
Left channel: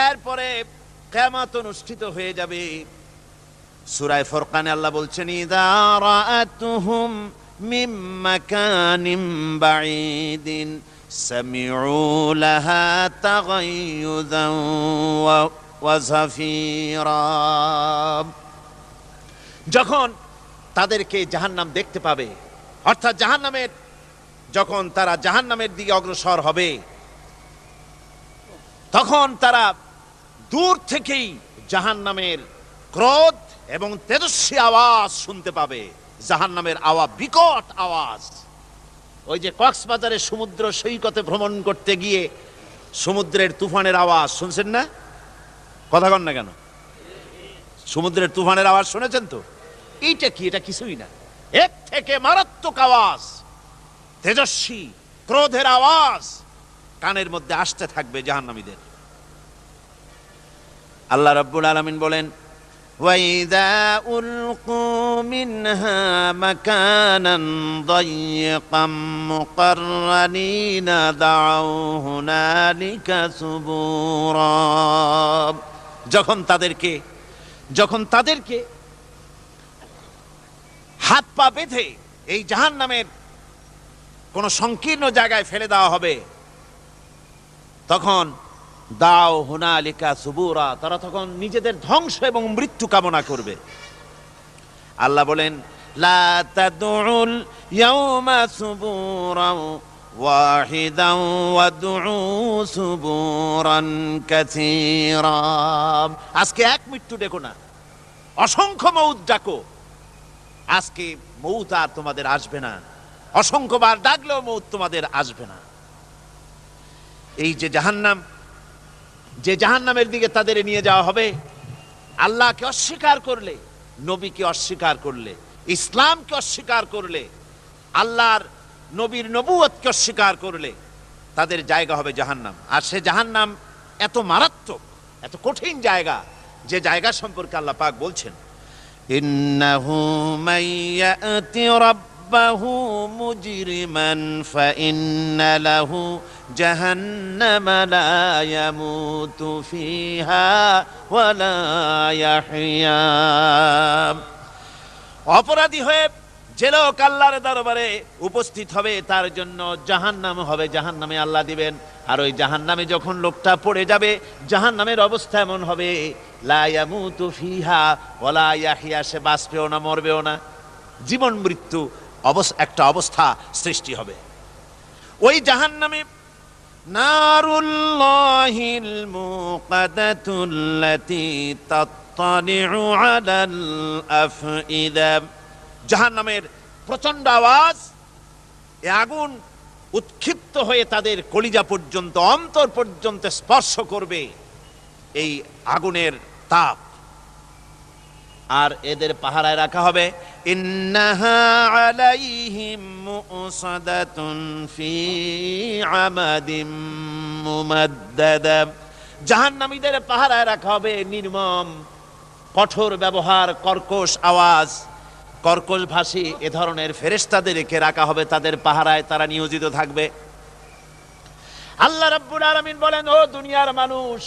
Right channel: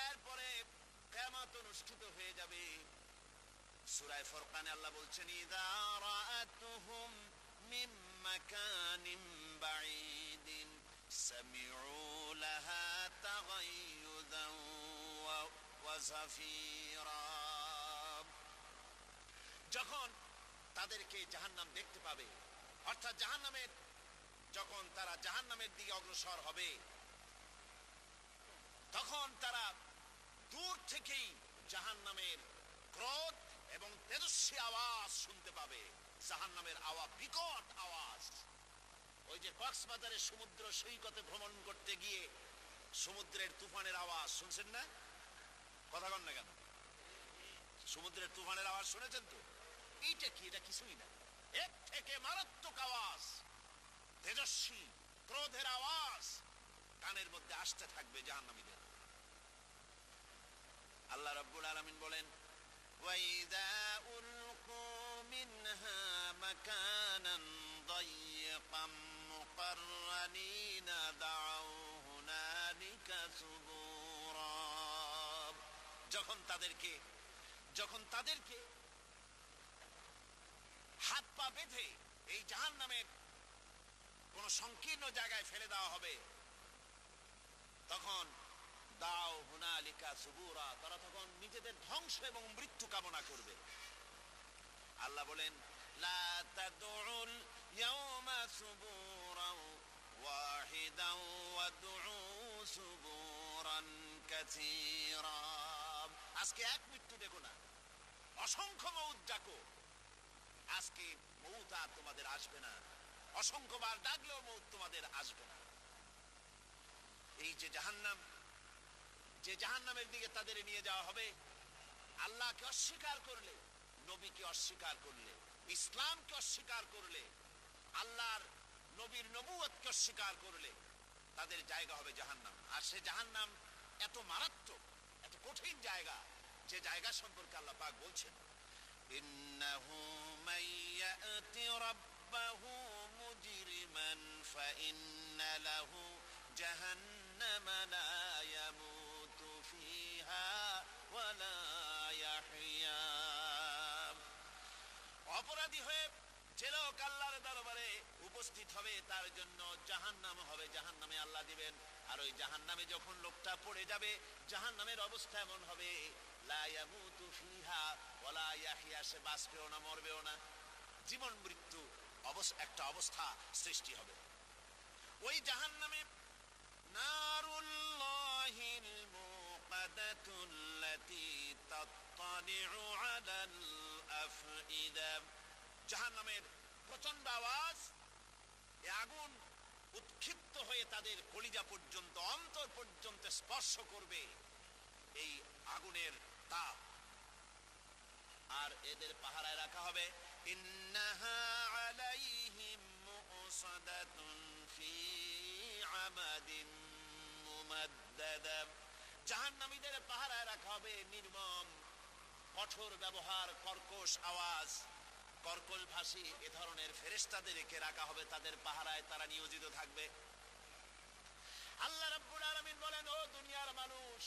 এরপরে কিয়ামত অনুষ্ঠিত হয়ে যাবে। সূরা ফুরকানে আল্লাহ বলছেন ইযা রাআতুহুম মিন মাকানিন বাঈদিন সামিউ লাহা তাগায়্যুযান ওয়া যাফীরা। যখন তাদেরকে জাহান্নাম দেখতে পাবে, অর্থাৎ জাহান্নামের, যখন তারা জাহান্নামের দিকে অগ্রসর হবে, তখন তারা দূর থেকেই জাহান্নামের ক্রোধ এবং তেজস্বী আওয়াজ শুনতে পাবে। জাহান্নামের আওয়াজ, বিকট আওয়াজ। ওই যে কক্সবাজারে সমুদ্র সৈকতে ভ্রমণ করতে গিয়ে সমুদ্রের তুফানের আওয়াজ শুনছেন না? কথা কন না কেন? সমুদ্রের তুফানের আওয়াজ শুনেছেন তো? এইটা কি? এটা কিছুই না, এর থেকে মারাত্মক আওয়াজ, তেজস্বী ক্রোধের আওয়াজ কানের মধ্যে আসতে থাকবে জাহান্নামীদের। আল্লাহ রাব্বুল আলামিন বলেন ওয়াইদা উলকু মিনহা মাকানান দায়্যিকাম মুকাররানিনা দাউ হুনালিকা সুবুরা। যখন তাদেরকে হাত পা বেঁধে এই জাহান্নামের কোন সংকীর্ণ জায়গায় ফেলে দেওয়া হবে, তখন দাও হুনালিকা সুবুরা, তারা তখন নিজেদের ধ্বংস এবং মৃত্যু কামনা করবে। আল্লাহ বলেন লা তাদউল ইয়াউমা সুবুরান ওয়াহিদান ওয়াদউ সুবুরান কাসীরা। আজকে এক মৃত্যু ডেকো না, অসংখ্য মউত ডাকো। আজকে মউত আর তোমাদের আসবে না, অসংখ্যবার ডাকলেও মউত তোমাদের আসবে না। এই যে জাহান্নাম, যে জাহান্নামের দিকে তাদের নিয়ে যাওয়া হবে, আল্লাহকে অস্বীকার করলে, নবীকে অস্বীকার করলে, ইসলামকে অস্বীকার করলে, আল্লাহর নবীর নবুয়তকে অস্বীকার করলে তাদের জায়গা হবে জাহান্নাম। আর সে জাহান্নাম এত মারাত্মক, এত কঠিন জায়গা, যে জায়গা সম্পর্কে আল্লাহ পাক বলছেন ইন্নাহু মাইয়াতি রাব্বাহু মুজরিমান ফাইন্না লাহু জাহান্নামা লা ইয়ামুতু ফিহা ওয়া লা ইয়াহইয়া। অপরাধী হয়ে যে লোক আল্লাহর দরবারে উপস্থিত হবে, তার জন্য জাহান্নাম হবে, জাহান্নামে আল্লাহ দিবেন। আর ওই জাহান্নামে যখন লোকটা পড়ে যাবে, জাহান্নামের অবস্থা এমন হবে লা ইয়ামুতু ফিহা ওয়া লা ইয়াহইয়া, সে বাঁচবেও না, মরবেও না, জীবন মৃত্যু একটা অবস্থা সৃষ্টি হবে। ওই জাহান্নামে নারুল্লাহিল মুকাদাতুল্লাতী তাত্তালিউ আলাল আফইদা। জাহান্নামের প্রচন্ড আওয়াজ, এ আগুন উৎক্ষিপ্ত হয়ে তাদের কলিজা পর্যন্ত, অন্তর পর্যন্ত স্পর্শ করবে এই আগুনের তাপ। আর এদের পাহারায় রাখা হবে ইন্নাহা আলাইহিম মুসাদাতুন ফি আমাদিম মুমাদ্দাদা। জাহান্নামীদের পাহারায় রাখা হবে নির্মম, কঠোর ব্যবহার, কর্কশ আওয়াজ, কর্কশ ভাষী এ ধরনের ফেরেশতাদেরকে রাখা হবে তাদের পাহারায়, তারা নিয়োজিত থাকবে। আল্লাহ রাব্বুল আলামিন বলেন, ও দুনিয়ার মানুষ,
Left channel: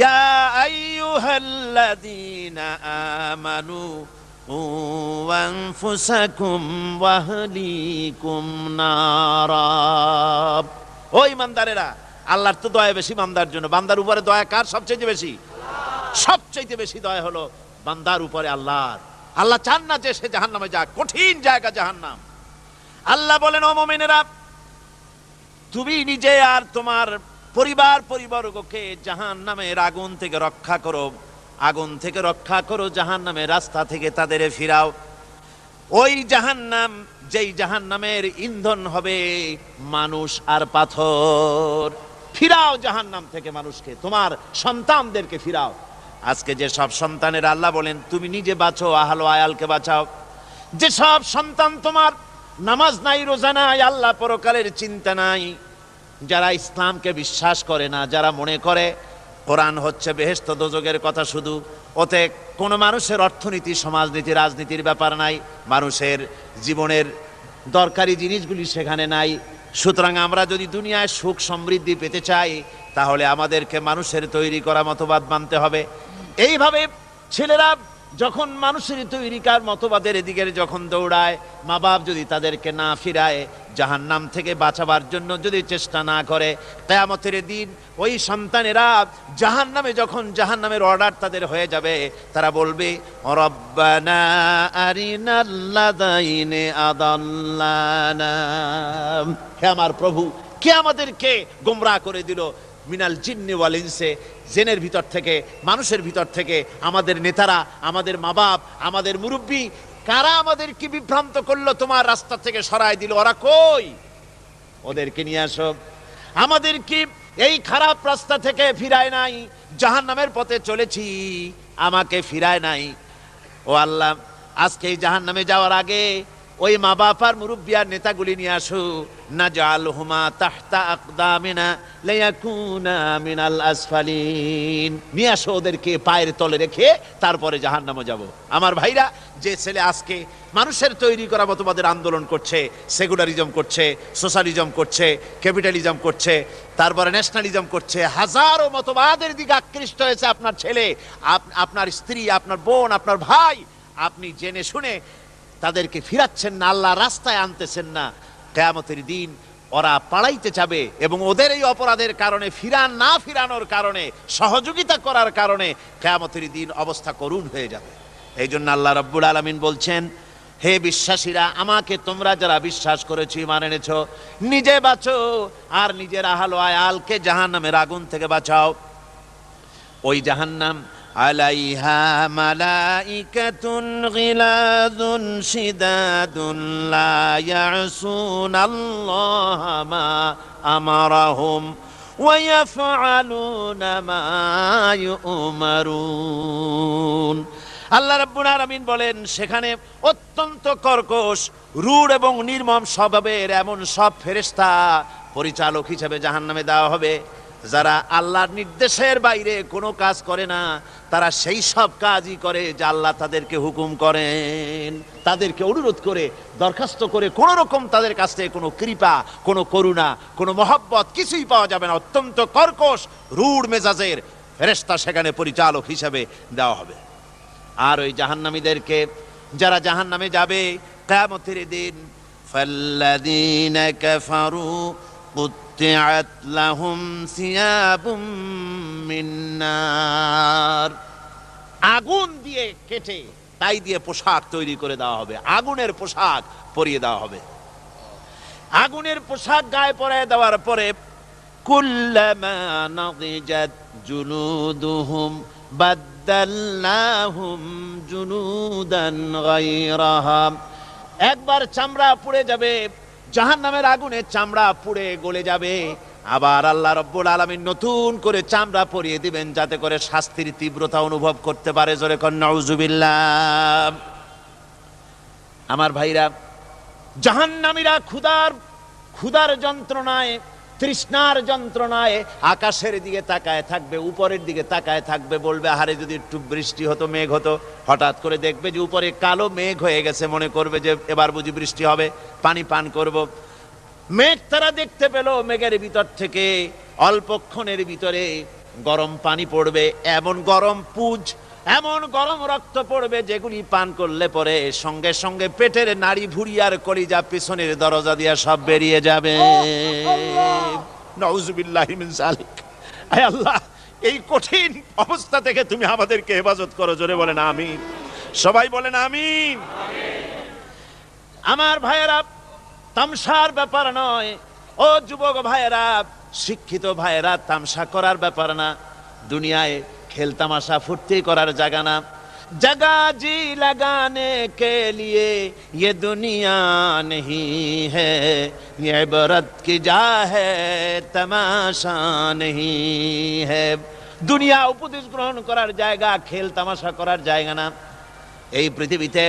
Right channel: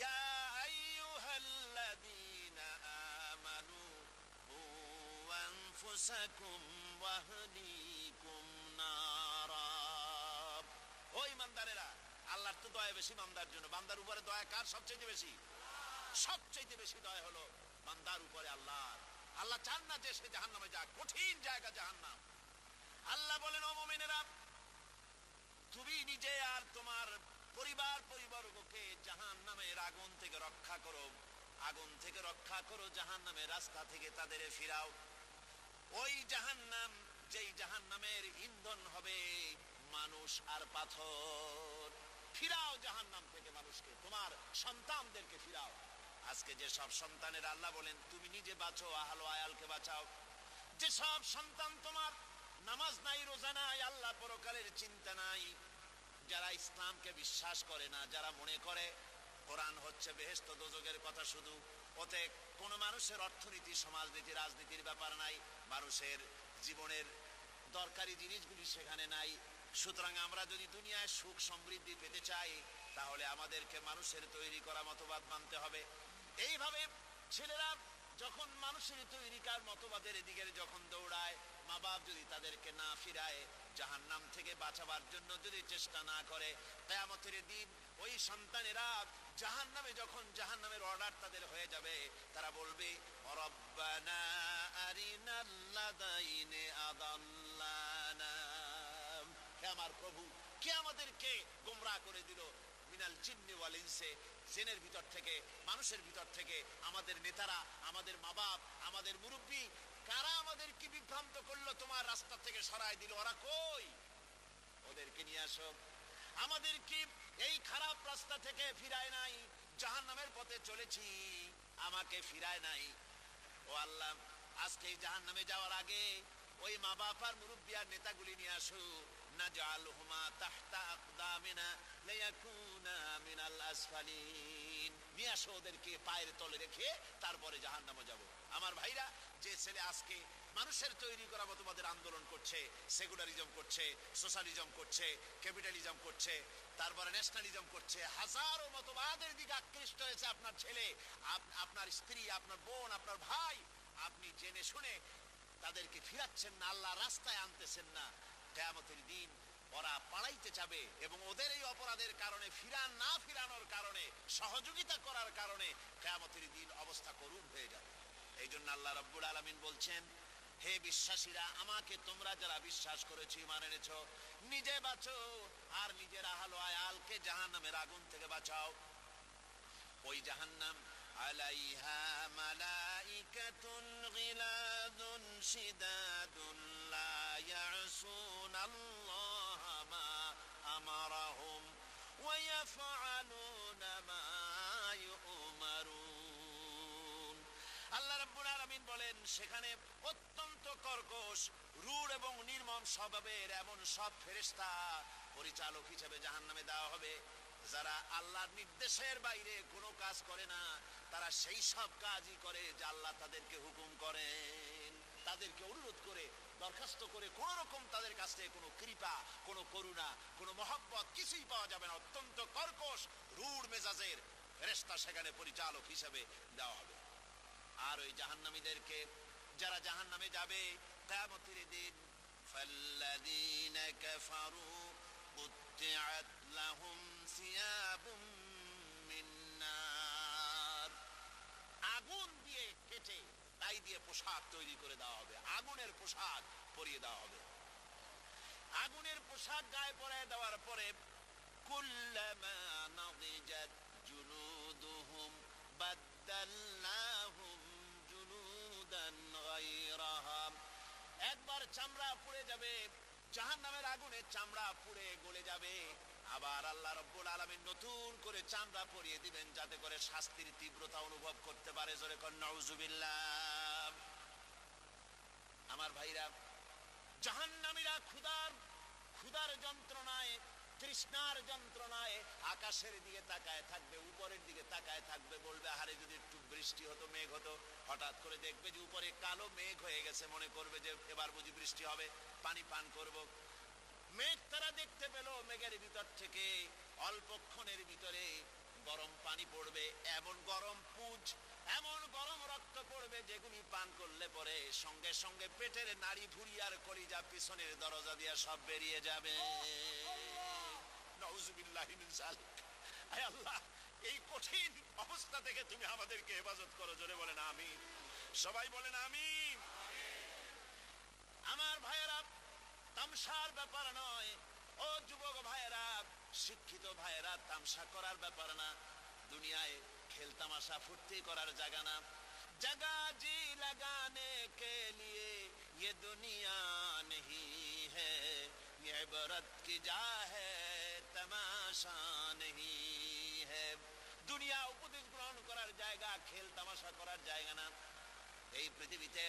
ইয়া আইয়ুহাল্লাযীনা আমানু আনফুসাকুম ওয়া আহলিকুম নারা। ও ঈমানদারেরা, আল্লাহর তো দয়া বেশি বান্দার জন্য। বান্দার উপরে দয়া কার সবচেয়ে বেশি? সবচেয়ে বেশি দয়া হলো বান্দার উপরে আল্লাহর। আল্লাহ চান না যে সে জাহান্নামে যাক, কঠিন জায়গা জাহান্নাম। আল্লাহ বলেন, ও মুমিনেরা, তুমি নিজে আর তোমার পরিবারবর্গকে জাহান্নামের আগুন থেকে রক্ষা করো, আগুন থেকে রক্ষা করো, জাহান্নামের রাস্তা থেকে তাদের ফিরাও। ওই জাহান্নাম, যেই জাহান্নামের ইন্ধন হবে মানুষ আর পাথর। ফিরাও জাহান্নাম থেকে মানুষকে, তোমার সন্তানদেরকে ফিরাও। আজকে যে সব সন্তানের আল্লাহ বলেন তুমি নিজে বাঁচো, আহলো আয়ালকে বাঁচাও। যে সব সন্তান তোমার নামাজ নাই, রোজা নাই, আল্লাহ পরকালের চিন্তা নাই, যারা ইসলামকে বিশ্বাস করে না, যারা মনে করে কোরআন হচ্ছে বেহেশত দোজখের কথা শুধু, ওতে কোনো মানুষের অর্থনীতি, সমাজনীতি, রাজনীতির ব্যাপার নাই, মানুষের জীবনের দরকারি জিনিসগুলি সেখানে নাই। সুতরাং আমরা যদি দুনিয়ায় সুখ সমৃদ্ধি পেতে চাই, তাহলে আমাদেরকে মানুষের তৈরি করা মতবাদ মানতে হবে। এইভাবে ছেলেরা যখন মানুষের তৈরিকার মতবাদের এদিকে যখন দৌড়ায়, মা বাপ যদি তাদেরকে না ফিরায়, জাহান্নাম থেকে বাঁচাবার জন্য যদি চেষ্টা না করে, কিয়ামতের দিন ওই সন্তানেরা জাহান্নামে, যখন জাহান্নামের অর্ডার তাদের হয়ে যাবে, তারা বলবে, রব্বানা আরিনাল্লাযাইনি আদাল্লানা, হে আমার প্রভু, কে আমাদেরকে গোমরাহ করে দিল, মিনাল জিন্নি ওয়াল ইনসে, জিনের ভিতর থেকে, মানুষের ভিতর থেকে, আমাদের নেতারা, আমাদের মা বাপ, আমাদের মুরব্বী, কারা আমাদেরকে বিভ্রান্ত করলো, তোমার রাস্তা থেকে সরায় দিল, ওরা কই? ওদেরকে নিয়ে আসো। আমাদেরকে এই খারাপ রাস্তা থেকে ফিরায় নাই, জাহান্নামের পথে চলেছি, আমাকে ফিরায় নাই। ও আল্লাহ, আজকে এই জাহান্নামে যাওয়ার আগে ওই মা বাপ আর মুরব্বী আর নেতাগুলি নিয়ে আসো, নাজআলহুমা তাহতা আকদামিনা লিয়াকুনা মিনাল আসফালিন, নিয়ে আসো ওদেরকে পায়ের তলে রেখে তারপরে জাহান্নামে যাব। আমার ভাইরা, যে ছেলে আজকে মানুষের তৈরি করা মতবাদের আন্দোলন করছে, সেকুলারিজম করছে, সোশ্যালিজম করছে, ক্যাপিটালিজম করছে, তারপরে ন্যাশনালিজম করছে, হাজারো মতবাদের দিকে আকৃষ্ট হয়েছে আপনার ছেলে, আপনার স্ত্রী, আপনার বোন, আপনার ভাই, আপনি জেনে শুনে তাদেরকে ফিরাচ্ছেন না, আল্লাহ রাস্তায় আনতেছেন না। কিয়ামতের দিন ওরা পালাইতে যাবে, এবং ওদের এই অপরাধের কারণে, না ফিরানোর কারণে, সহযোগিতা করার কারণে কিয়ামতের দিন অবস্থা করুণ হয়ে যাবে। এই জন্য আল্লাহ রাব্বুল আলামিন বলছেন, হে বিশ্বাসীরা, আমাকে তোমরা যারা বিশ্বাস করেছো, ঈমান এনেছো, নিজে বাঁচো আর নিজের আহলো আয়ালকে জাহান্নামের আগুন থেকে বাঁচাও। ওই জাহান্নাম আলাইহা মালাইকাতুন গিলাযুন শিদাদুন লা ইয়াসুনাল্লাহা মা আমারাহুম ওয়া ইয়াফআলুনা মা ইউমারুন। আল্লাহ রাব্বুল আলামিন বলেন, সেখানে অত্যন্ত কর্কশ, রূঢ় এবং নির্মম স্বভাবের এমন সব ফেরেশতা পরিচালক হিসেবে জাহান্নামে দেওয়া হবে, যারা আল্লাহর নির্দেশের বাইরে কোনো কাজ করে না, তারা সেই সব কাজই করে যা আল্লাহ তাদেরকে হুকুম করেন। তাদেরকে অনুরোধ করে, দরখাস্ত করে কোন রকম তাদের কাছ থেকে কোনো কৃপা, কোনো করুণা, কোনো মহব্বত কিছুই পাওয়া যাবে না। অত্যন্ত কর্কশ, রূঢ় মেজাজের ফেরেশতা সেখানে পরিচালক হিসেবে দেওয়া হবে। আর ওই জাহান্নামীদেরকে, যারা জাহান্নামে যাবে কিয়ামতের দিন, ফাল্লাযীনা কাফারু কুত্তিআত লাহুম সিয়াবুম মিন নার, আগুন দিয়ে কেটে তাই দিয়ে পোশাক তৈরি করে দেওয়া হবে, আগুনের পোশাক পরিয়ে দেওয়া হবে। আগুনের পোশাক গায়ে পরায় দেওয়ার পরে, কুল্লামা নাদিজাত জুলুদুহুম বাদদালনাহুম জুলুদান গায়রাহা, একবার চামড়া পুড়ে যাবে, জাহান্নামের আগুনে চামড়া পুড়ে গলে যাবে, আবার আল্লাহ রাব্বুল আলামিন নতুন করে চামড়া পরিয়ে দিবেন, যাতে করে শাস্তির তীব্রতা অনুভব করতে পারে। জোরে কোন নাউজুবিল্লাহ। আমার ভাইরা, জাহান্নামীরা ক্ষুধার যন্ত্রণায়, তৃষ্ণার যন্ত্রণায় আকাশের দিকে তাকায় থাকবে, উপরের দিকে তাকায় থাকবে, বলবে, আহারে যদি একটু বৃষ্টি হতো, মেঘ হতো। হঠাৎ করে দেখবে যে উপরে কালো মেঘ হয়ে গেছে, মনে করবে যে এবার বুঝি বৃষ্টি হবে, পানি পান করব। মেঘ তারা দেখতে পেল, মেঘের ভিতর থেকে অল্পক্ষণের ভিতরে গরম পানি পড়বে, এমন গরম পুজ, এমন গরম রক্ত পড়বে, যেগুলি পান করলে পরে সঙ্গে সঙ্গে পেটের নাড়ি, ভুঁড়ি আর কলিজা পিছনের দরজা দিয়ে সব বেরিয়ে যাবে। নাউজুবিল্লাহি মিন যালিক। আয় আল্লাহ, এই কঠিন অবস্থা থেকে তুমি আমাদেরকে হেফাজত করো। জোরে বলেন আমিন। সবাই বলেন আমিন। আমার ভাইয়েরা, তামসার ব্যাপার নয়। ও যুবক ভাইয়েরা, শিক্ষিত ভাইয়েরা, তামসা করার ব্যাপার না। দুনিয়ায় খেল তামাশা ফুর্তি করার জায়গা না। जगह जी लगाने के लिए ये दुनिया नहीं है, ये इबरत की जा है तमाशा नहीं है। দুনিয়া উপদেশ গ্রহণ করার জায়গা, খেল তামাশা করার জায়গা না। এই পৃথিবীতে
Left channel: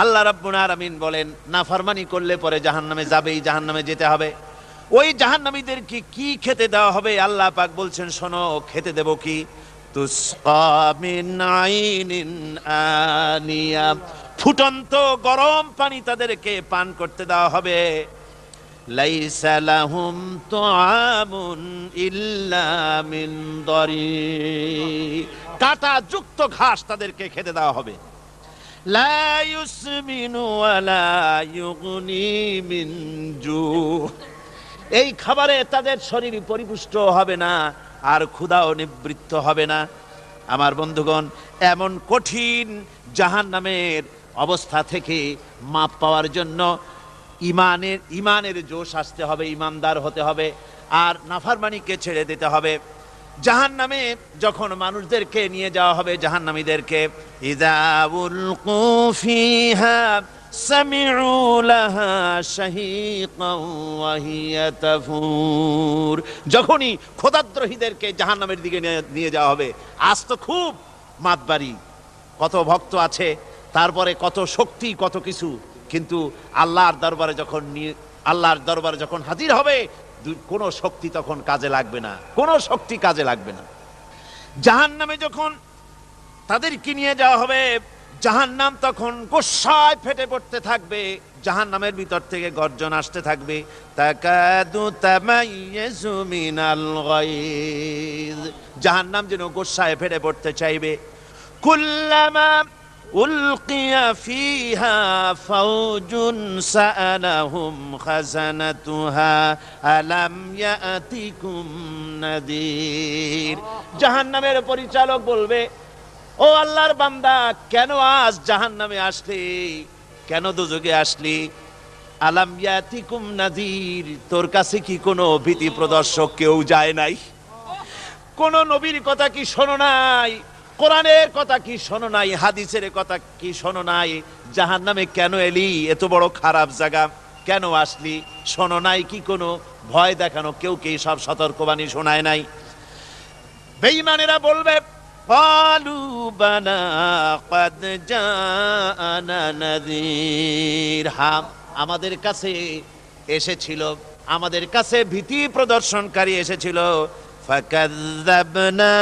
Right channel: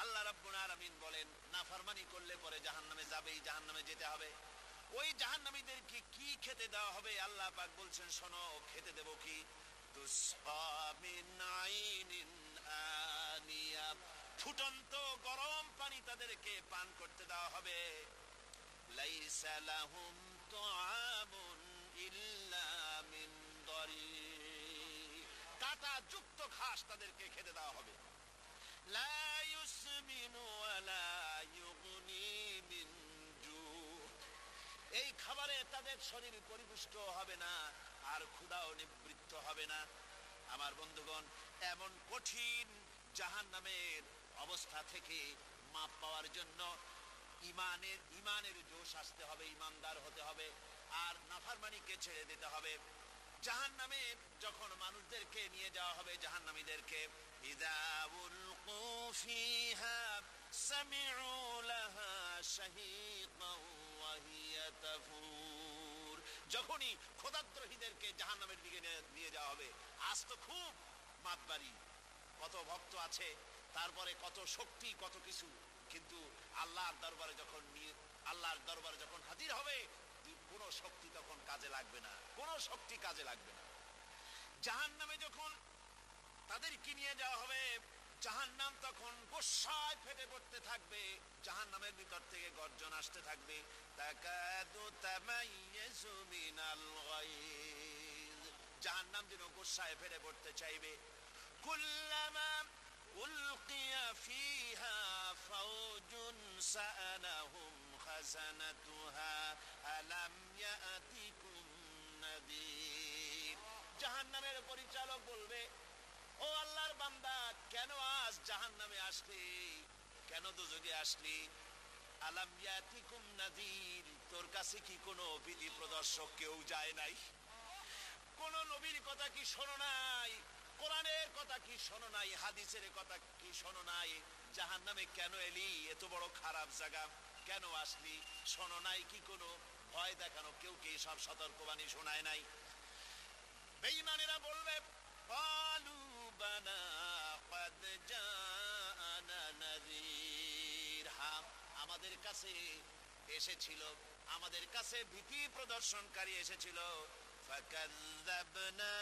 আল্লাহ রাব্বুল আলামিন বলেন, নাফরমানি করলে পরে জাহান্নামে যাবেই, জাহান্নামে যেতে হবে। ওই জাহান্নামীদেরকে কি খেতে দেওয়া হবে? আল্লাহ পাক বলছেন, শোনো, খেতে দেব কি? তুসকা মিন আইনিন আনিয়া, ফুটন্ত গরম পানি তাদেরকে পান করতে দেওয়া হবে। লাইসা লাহুম তুআমুন ইল্লা মিন দারি, কাঁটা যুক্ত ঘাস তাদেরকে খেতে দেওয়া হবে। লা ইউসমিনু ওয়ালা ইউগনি মিন জু, এই খাবারে তাদের শরীর পরিপুষ্ট হবে না, আর ক্ষুধাও নিবৃত্ত হবে না। আমার বন্ধুগণ, এমন কঠিন জাহান্নামের অবস্থা থেকে মাপ পাওয়ার জন্য ইমানের জোশ আসতে হবে, ইমানদার হতে হবে, আর নাফরমানিকে ছেড়ে দিতে হবে। জাহান্নামে যখন মানুষদেরকে নিয়ে যাওয়া হবে, জাহান্নামীদেরকে, ইযা উলকু ফিহা সামিউ লাহা শাহীকান ওয়া হিয়া তাফুর, যখনই খোদাদ্রোহীদেরকে জাহান্নামের দিকে নিয়ে যাওয়া হবে, আজ তো খুব মাতবাড়ি, কত ভক্ত আছে, তারপরে কত শক্তি, কত কিছু, কিন্তু আল্লাহর দরবারে যখন হাজির হবে, কোনো শক্তি তখন কাজে লাগবে না, কোনো শক্তি কাজে লাগবে না। জাহান্নামে যখন তাদেরকে নিয়ে যাওয়া হবে, জাহান্নাম তখন গোসায় ফেটে পড়তে থাকবে, জাহান্নামের ভিতর থেকে গর্জন আসতে থাকবে, তাকাদু তামাইয়াজু মিনাল গায়জ, জাহান্নাম যেন গোসায় ফেটে পড়তে চাইবে। কুল্লামা উলকিয়া ফিহা ফাওজুন সাআলাহুম খাজানাতুহা আলাম ইয়াতিকুম নাদির, জাহান্নামের পরিচালক বলবে, ও আল্লাহর বান্দা, কেন আজ জাহান্নামে আসলি, কেন দোজখে আসলি? আলাম ইয়াতিকুম নাদির, তোর কাছে কি কোনো ভীতি প্রদর্শক কেউ যায় নাই? কোন নবীর কথা কি শোনো নাই? কোরআনের কথা কি শোনো নাই? হাদিসের কথা কি শোনো নাই? জাহান্নামে কেন এলি? এত বড় খারাপ জায়গা কেন আসলি? শোনো নাই কি? কোনো ভয় দেখানো কেউ কি সব সতর্কবাণী শোনায় নাই? বেঈমানেরা বলবে, قالوا بلى قد جاءنا نذير, হ্যাঁ, আমাদের কাছে এসেছিল, আমাদের কাছে ভীতি প্রদর্শনকারী এসেছিল। فكذبنا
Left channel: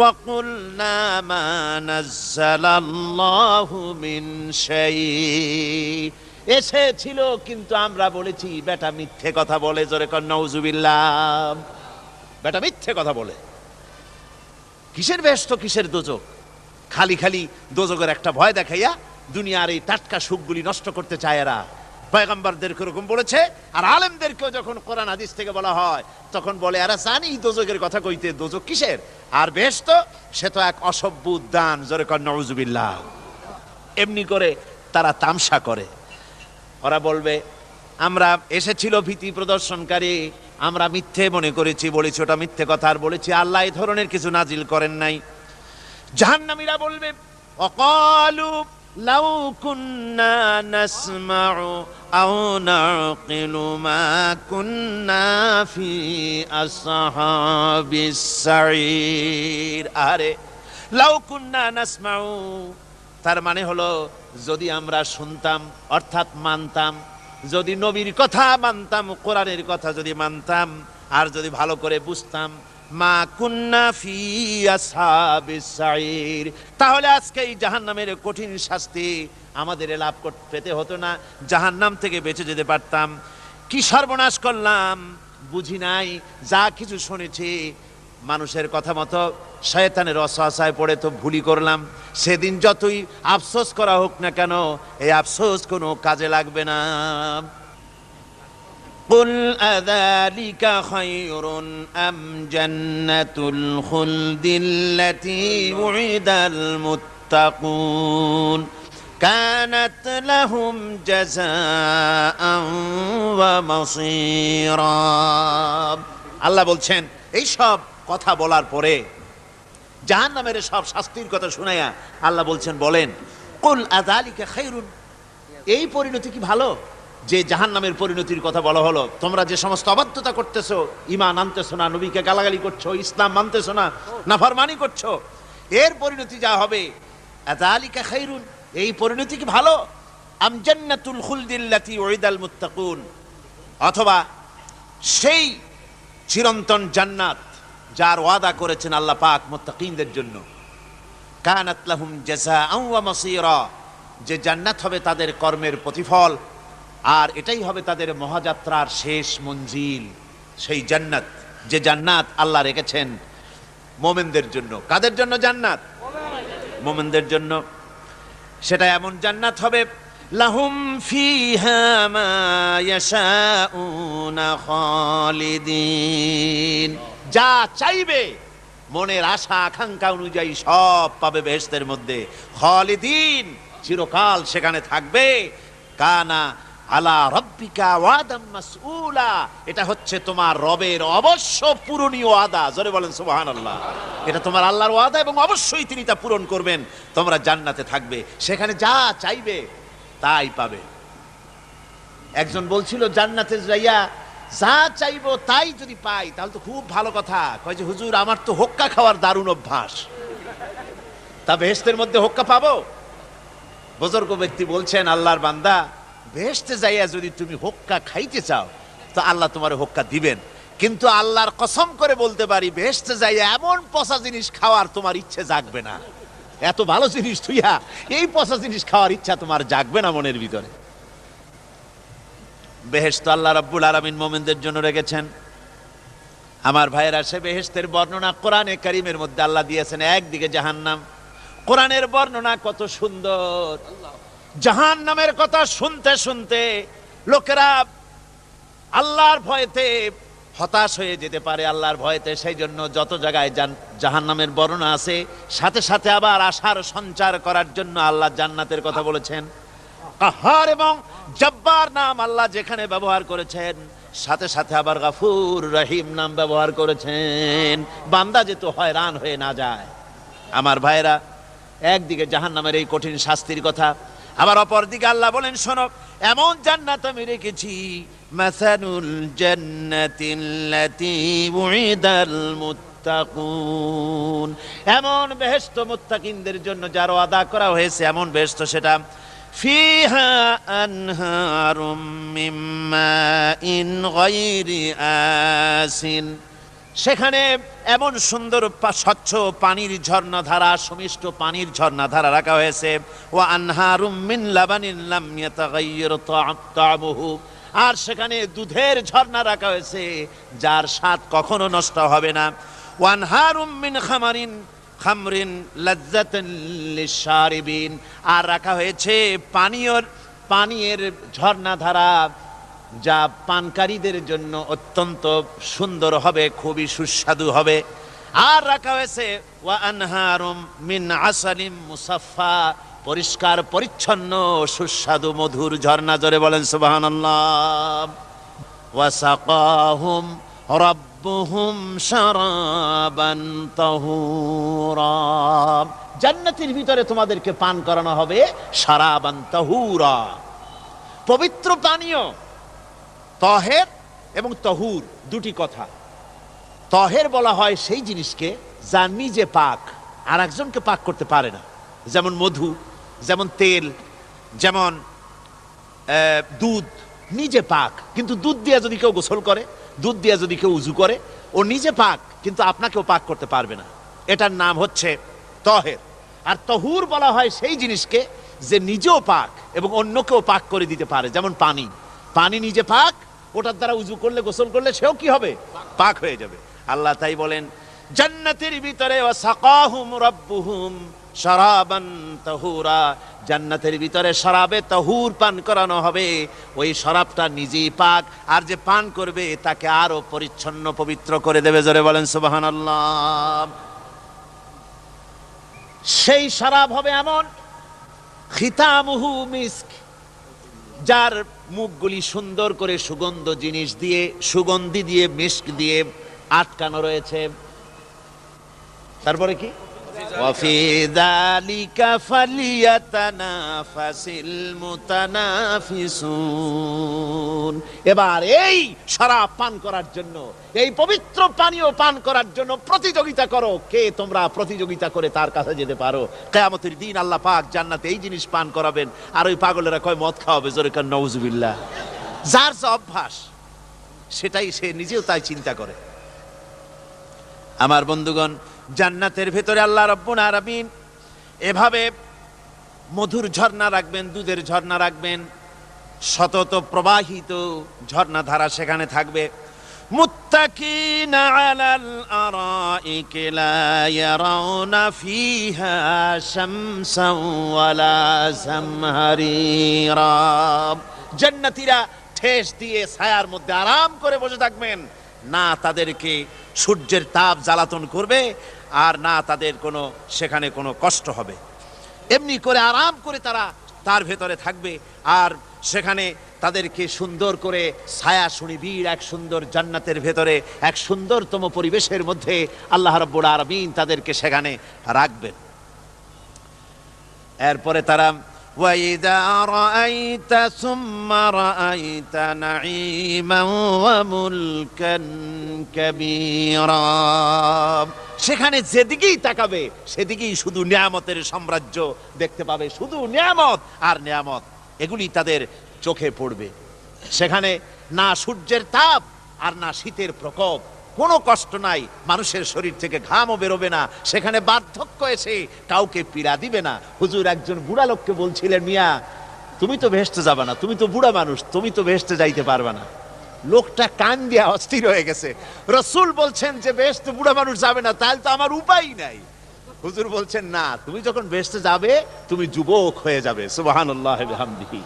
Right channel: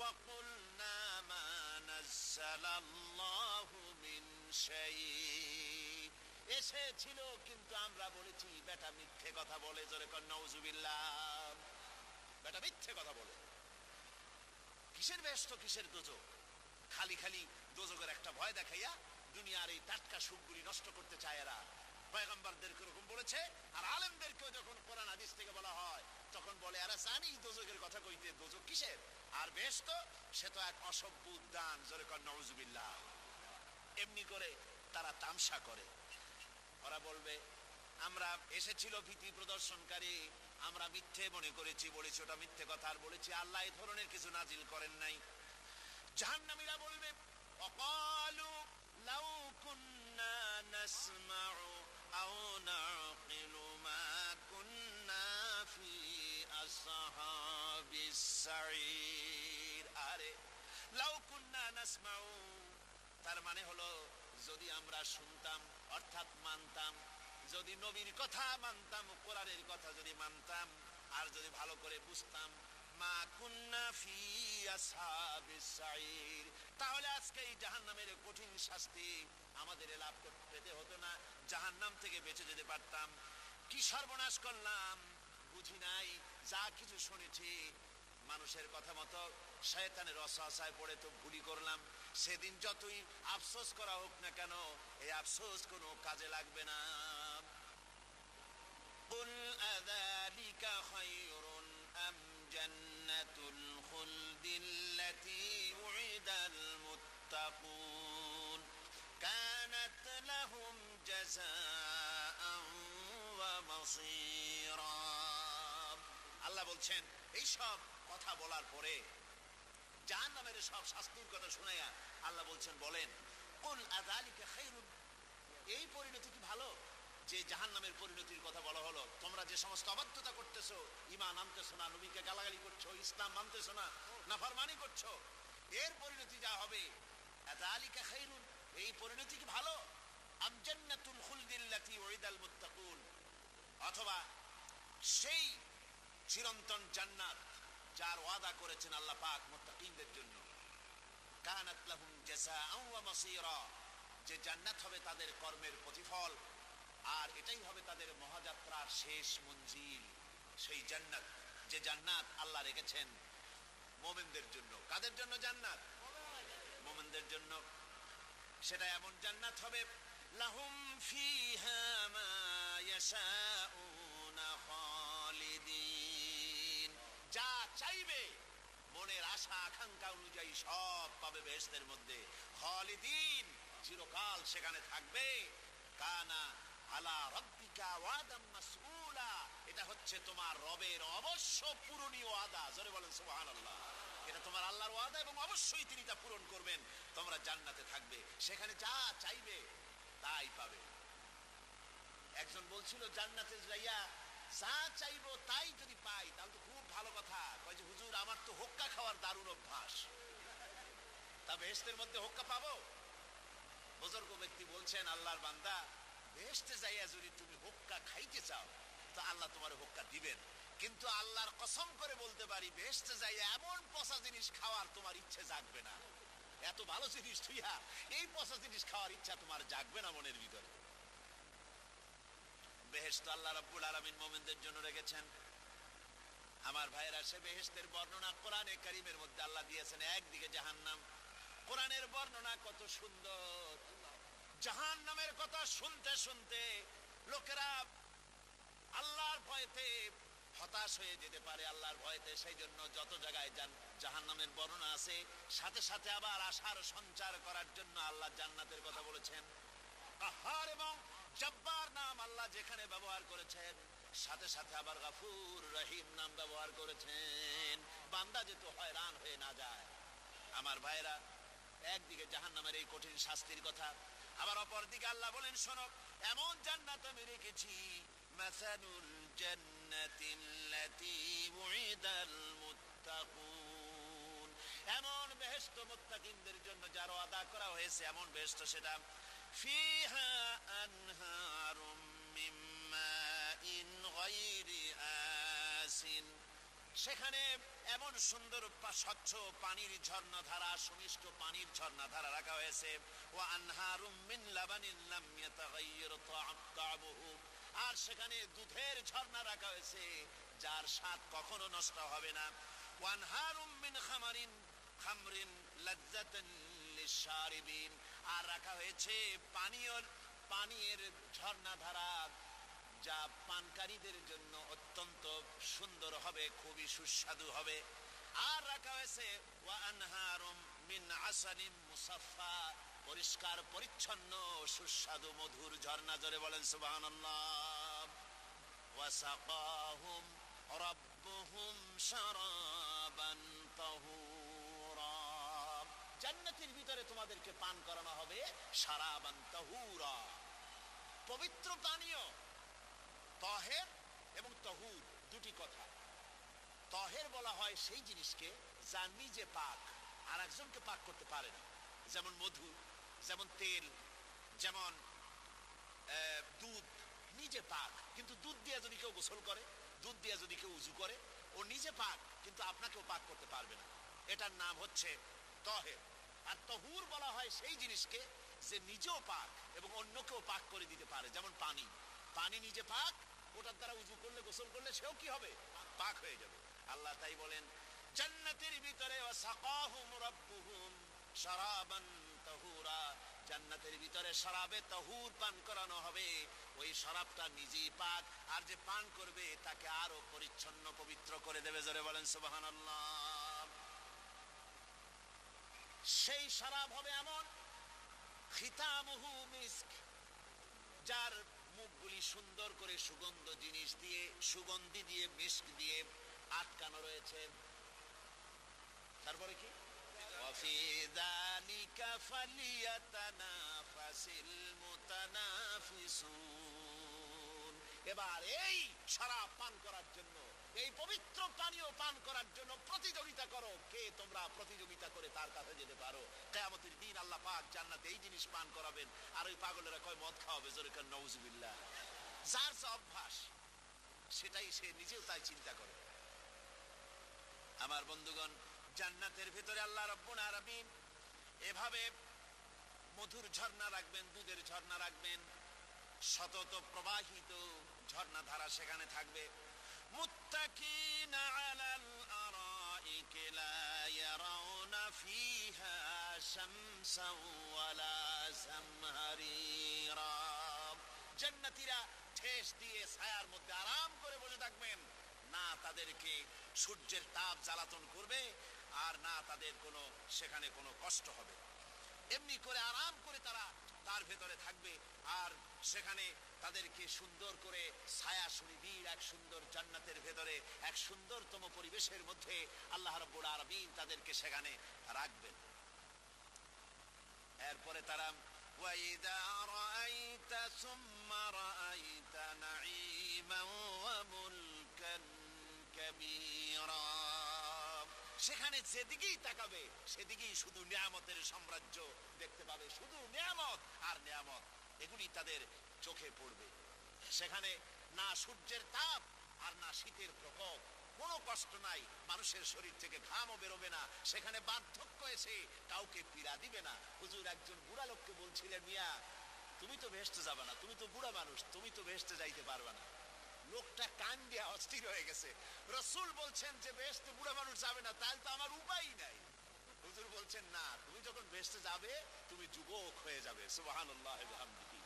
وقلنا ما نزل الله من شيء, এসেছিল কিন্তু আমরা বলেছি বেটা মিথ্যে কথা বলে। জোরে কর নাউজুবিল্লাহ। বেটা মিথ্যে কথা বলে। কিসের ব্যস্ত, কিসের দোজক? খালি খালি দোজকের একটা ভয় দেখাইয়া দুনিয়ার এই টাটকা সুখগুলি নষ্ট করতে চায় এরা। পয়গম্বরদেরকে এরকম বলেছে, আর আলেমদেরকেও যখন কোরআন হাদিস থেকে বলা হয় তখন বলে, এরা জানি দোজকের কথা কইতে, দোজক কিসের, আর ব্যস্ত সে তো এক অসভ্য উদ্যান। জোরে কর নাউজুবিল্লাহ। এমনি করে তারা তামসা করে। ওরা বলবে, আমরা এসেছিল ভীতি প্রদর্শনকারী, আমরা মিথ্যে মনে করেছি, বলেছি ওটা মিথ্যে কথা, আর বলেছি আল্লাহ এই ধরনের কিছু নাজিল করেন নাই। জাহান্নামীরা বলবে, ওয়াকালু লাউ কুন্না নাসমাউ আও নাকিলু মা কুন্না ফি আসহাবিস সাঈর। আরে লাউ কুন্না নাসমাউ, তার মানে হলো যদি আমরা শুনতাম, অর্থাৎ মানতাম, যদি নবীর কথা মানতাম, কোরআনের কথা যদি মানতাম, আর যদি ভালো করে বুঝতাম, মা কুন্না ফি আসহাবিস সাঈর, তাহলে আজকে এই জাহান্নামের কঠিন শাস্তি আমাদের লাভ পেতে হতো না, জাহান্নাম থেকে বেঁচে যেতে পারতাম। কি সর্বনাশ করলাম, বুঝি নাই, যা কিছু শুনেছি মানুষের কথা মতো শয়তানের ওয়াসওয়াসায় পড়ে তো ভুলই করলাম। সেদিন যতই আফসোস করা হোক না কেন, এই আফসোস কোনো কাজে লাগবে না। কুল আযালিকা খায়রুন আম জান্নাতুল খুলদিল্লাতী উইদাল মুত্তাকুন, কানাত লাহুম জাযাআন ওয়া মাসীরা। আল্লাহ বলছেন এই সব কথা বলার পরে জাহান্নামের সব শাস্তির কথা শুনাইয়া আল্লাহ বলছেন বলেন কুল আযালিকা খায়রুন, এই পরিণতি কি ভালো যে জাহান্নামের পরিণতির কথা বলা হলো? তোমরা যে সমস্ত অবাধ্যতা করতেছো, ঈমান আনতেছো না, নবীকে গালাগালি করছো, ইসলাম মানতেছো না, নাফরমানি করছো, এর পরিণতি যা হবে আযালিকা খায়রুন, এই পরিণতি কি ভালো? আম জান্নাতুল খুলদিল্লাতী উইদাল মুত্তাকুন, অথবা সেই চিরন্তন জান্নাত যার ওয়াদা করেছেন আল্লাহ পাক মুত্তাকিনদের জন্য। কানাত লাহুম জাযাআন ওয়া মাসীরা, যে জান্নাত হবে তাদের কর্মের প্রতিফল, আর এটাই হবে তাদের মহাযাত্রার শেষ মঞ্জিল। সেই জান্নাত, যে জান্নাত আল্লাহ রেখেছেন মুমিনদের জন্য। কাদের জন্য জান্নাত? মুমিনদের জন্য। সেটা এমন জান্নাত হবে লাহুম ফিহা মা ইয়াশাউনা খালিদিন, যা চাইবে মনের আশা আকাঙ্ক্ষা অনুযায়ী সব পাবে বেহেশতের মধ্যে। খালিদিন, চিরকাল সেখানে থাকবে। কানা আলা রব্বিকা ওয়াদাম মাসউলা, এটা হচ্ছে তোমার রবের অবশ্য পূরণীয় ওয়াদা। জোরে বলেন সুবহানাল্লাহ। এটা তোমার আল্লাহর ওয়াদা এবং অবশ্যই তিনি তা পূরণ করবেন। তোমরা জান্নাতে থাকবে, সেখানে যা চাইবে তাই পাবে। একজন বলছিল জান্নাতে যাইয়া যা চাইবো তাই যদি পাই তাহলে তো খুব ভালো কথা। কয় যে হুজুর আমার তো হোক্কা খাওয়ার দারুণ অভ্যাস, তা বেহেশতের মধ্যে হোক্কা পাবো? বুজুর্গ ব্যক্তি বলছেন আল্লাহর বান্দা, বেহেশতে যাইয়া যদি তুমি হোক্কা খাইতে চাও তো আল্লাহ তোমার হোক্কা দিবেন, কিন্তু আল্লাহর কসম করে বলতে পারি বেহেশতে যাইয়া এমন পচা জিনিস খাওয়ার তোমার ইচ্ছে জাগবে না। এত ভালো জিনিস তুইয়া এই পচা জিনিস খাওয়ার ইচ্ছা তোমার জাগবে না মনের ভিতরে। বেহেশত আল্লাহ রাব্বুল আলামিন মুমিনদের জন্য রেখেছেন। আমার ভাইয়েরা, সে বেহেশতের বর্ণনা কোরআনে কারীমের মধ্যে আল্লাহ দিয়েছেন। একদিকে জাহান্নাম, কোরআনের বর্ণনা কত সুন্দর। জাহান্নামের কথা শুনতে শুনতে লোকেরা আল্লাহর ভয়েতে হতাশ হয়ে যেতে পারে, আল্লাহর ভয়েতে। সেই জন্য যত জায়গায় জাহান্নামের বর্ণনা আছে সাথে সাথে আবার আশার সঞ্চার করার জন্য আল্লাহ জান্নাতের কথা বলেছেন। কাহার এবং জব্বার নাম আল্লাহ যেখানে ব্যবহার করেছেন সাথে সাথে আবার গাফুর রহিম নাম ব্যবহার করেছেন, বান্দা যেহেতু হয়রান হয়ে না যায়। আমার ভাইরা, একদিকে জাহান্নামের এই কঠিন শাস্তির কথা, আবার অপর দিকে আল্লাহ বলেন শোনো, এমন জান্নাত আমি রেখেছি মাসানুল জান্নাতিল্লাতী উইদাল মুত্তাকুন, এমন বেহেশত মুত্তাকিনদের জন্য যার ওয়াদা করা হয়েছে এমন বেহেশত, সেটা ফিহা আনহারুম মিন মাইন গায়রি আসিন, সেখানে এমন সুন্দর স্বচ্ছ পানির ঝর্ণাধারা, সুমিষ্ট পানির ঝর্ণাধারা রাখা হয়েছে। ওয়া আনহারুম মিন লাবানিন লাম ইয়াতাগায়্যার তা'মুহু, আর সেখানে দুধের ঝর্ণা রাখা হয়েছে যার স্বাদ কখনো নষ্ট হবে না। ওয়া আনহারুম মিন খামরিন লাজ্জাতান লিশারিবিন, আর রাখা হয়েছে পানীয়ের ঝর্ণাধারা যা পানকারীদের জন্য অত্যন্ত সুন্দর হবে, খুবই সুস্বাদু হবে। আর রাখা হয়েছে ওয়া আনহারুম মিন আসালিম মুসাফফা, পরিষ্কার পরিচ্ছন্ন সুস্বাদু মধুর ঝর্ণা। জোরে বলেন সুবহানাল্লাহ। ওয়া সাকাহুম রাব্বুহুম শারাবান তাহুরা, জান্নাতের ভিতরে তোমাদেরকে পান করানো হবে শারাবান তাহুরা, পবিত্র পানীয়। তহের এবং তহুর দুটি কথা। তহের বলা হয় সেই জিনিসকে যা নিজে পাক আর একজনকে পাক করতে পারে না, যেমন মধু, যেমন তেল, যেমন দুধ নিজে পাক, কিন্তু দুধ দিয়ে যদি কেউ গোসল করে, দুধ দিয়ে যদি কেউ উজু করে, ও নিজে পাক কিন্তু আপনাকেও পাক করতে পারবে না। এটার নাম হচ্ছে তহের। আর তহুর বলা হয় সেই জিনিসকে যে নিজেও পাক এবং অন্যকেও পাক করে দিতে পারে, যেমন পানি। পানি নিজে পাক, ওটার দ্বারা উজু করলে গোসল করলে সেও কি হবে? পাক হয়ে যাবে। আল্লাহ তাই বলেন জান্নাতের ভিতরে ওয়াসাকাহুম রাব্বুহুম শারাবান তাহুরা, জান্নাতের ভিতরে শরাবে তাহুর পান করানো হবে। ওই শরাবটা নিজেই পাক, আর যে পান করবে তাকে আরো পরিচ্ছন্ন পবিত্র করে দেবে। জোরে বলেন সুবহানাল্লাহ। সেই শরাব হবে এমন খিতামুহু মিস্ক, যার মুখগুলি সুন্দর করে সুগন্ধ জিনিস দিয়ে, সুগন্ধি দিয়ে, মিস্ক দিয়ে আটকানো রয়েছে। তারপরে কি? ওয়াফি যালিকা ফালিয়াতানাফাসিল মুতানাফিসুন। এবার এই শরাব পান করার জন্য, এই পবিত্র পানীয় পান করার জন্য প্রতিযোগিতা করো, কে তোমরা প্রতিযোগিতা করে তার কাছে যেতে পারো। কিয়ামতের দিন আল্লাহ পাক জান্নাতে এই জিনিস পান করাবেন, আর ওই পাগলেরা কয় মদ খাওয়াবে, জোরে কান নাউজুবিল্লাহ। যার যা অভ্যাস সেটাই সে নিজেও তাই চিন্তা করে। আমার বন্ধুগণ, জান্নাতের ভেতরে আল্লাহ রাব্বুল আলামিন এভাবে মধুর ঝর্ণা রাখবেন, দুধের ঝর্ণা রাখবেন, সতত প্রবাহিত ঝর্ণা ধারা সেখানে থাকবে। মুত্তাকিনা আলাল আরাইকি লা ইয়ারাউনা ফিহা শামসান ওয়ালা জামহারিরা। জান্নাতীরা ঠেস দিয়ে ছায়ার মধ্যে আরাম করে বসে থাকবেন, না তাদেরকে সূর্যের তাপ জ্বালাতন করবে, আর না তাদের কোনো সেখানে কোনো কষ্ট হবে। এমনি করে আরাম করে তারা তার ভেতরে থাকবে, আর সেখানে তাদেরকে সুন্দর করে ছায়া সুনিবিড় এক সুন্দর জান্নাতের ভেতরে এক সুন্দরতম পরিবেশের মধ্যে আল্লাহ রাব্বুল আলামিন তাদেরকে সেখানে রাখবেন। এরপরে তারা وَإِذَا رَأَيْتَ ثُمَّ رَأَيْتَ نَعِيمًا وَمُلْكًا كَبِيرًا। সেখানে যেদিকেই তাকাবে সেদিকেই শুধু নিয়ামতের সাম্রাজ্য দেখতে পাবে, শুধু নিয়ামত আর নিয়ামত, এগুলি তাদের চোখে পড়বে। সেখানে না সূর্যের তাপ আর না শীতের প্রকোপ, কোনো কষ্ট নাই, মানুষের শরীর থেকে ঘামও বেরোবে না, সেখানে বার্ধক্য এসে কাউকে পীড়া দিবে না। হুজুর একজন বুড়া লোককে বলছিলেন, মিয়া তুমি তো ভেস্তে যাবে না, তুমি তো বুড়া মানুষ, তুমি তো ভেস্তে যাইতে পারবে না। লোকটা কান দিয়া অস্থির হয়ে গেছে। রাসূল বলছেন যে ভেস্তে বুড়া মানুষ যাবে না, তাহলে তো আমার উপায় নাই। হুজুর বলছেন না, তুমি যখন ভেস্তে যাবে তুমি যুবক হয়ে যাবে। সুবহানাল্লাহি ওয়া বিহামদিহি।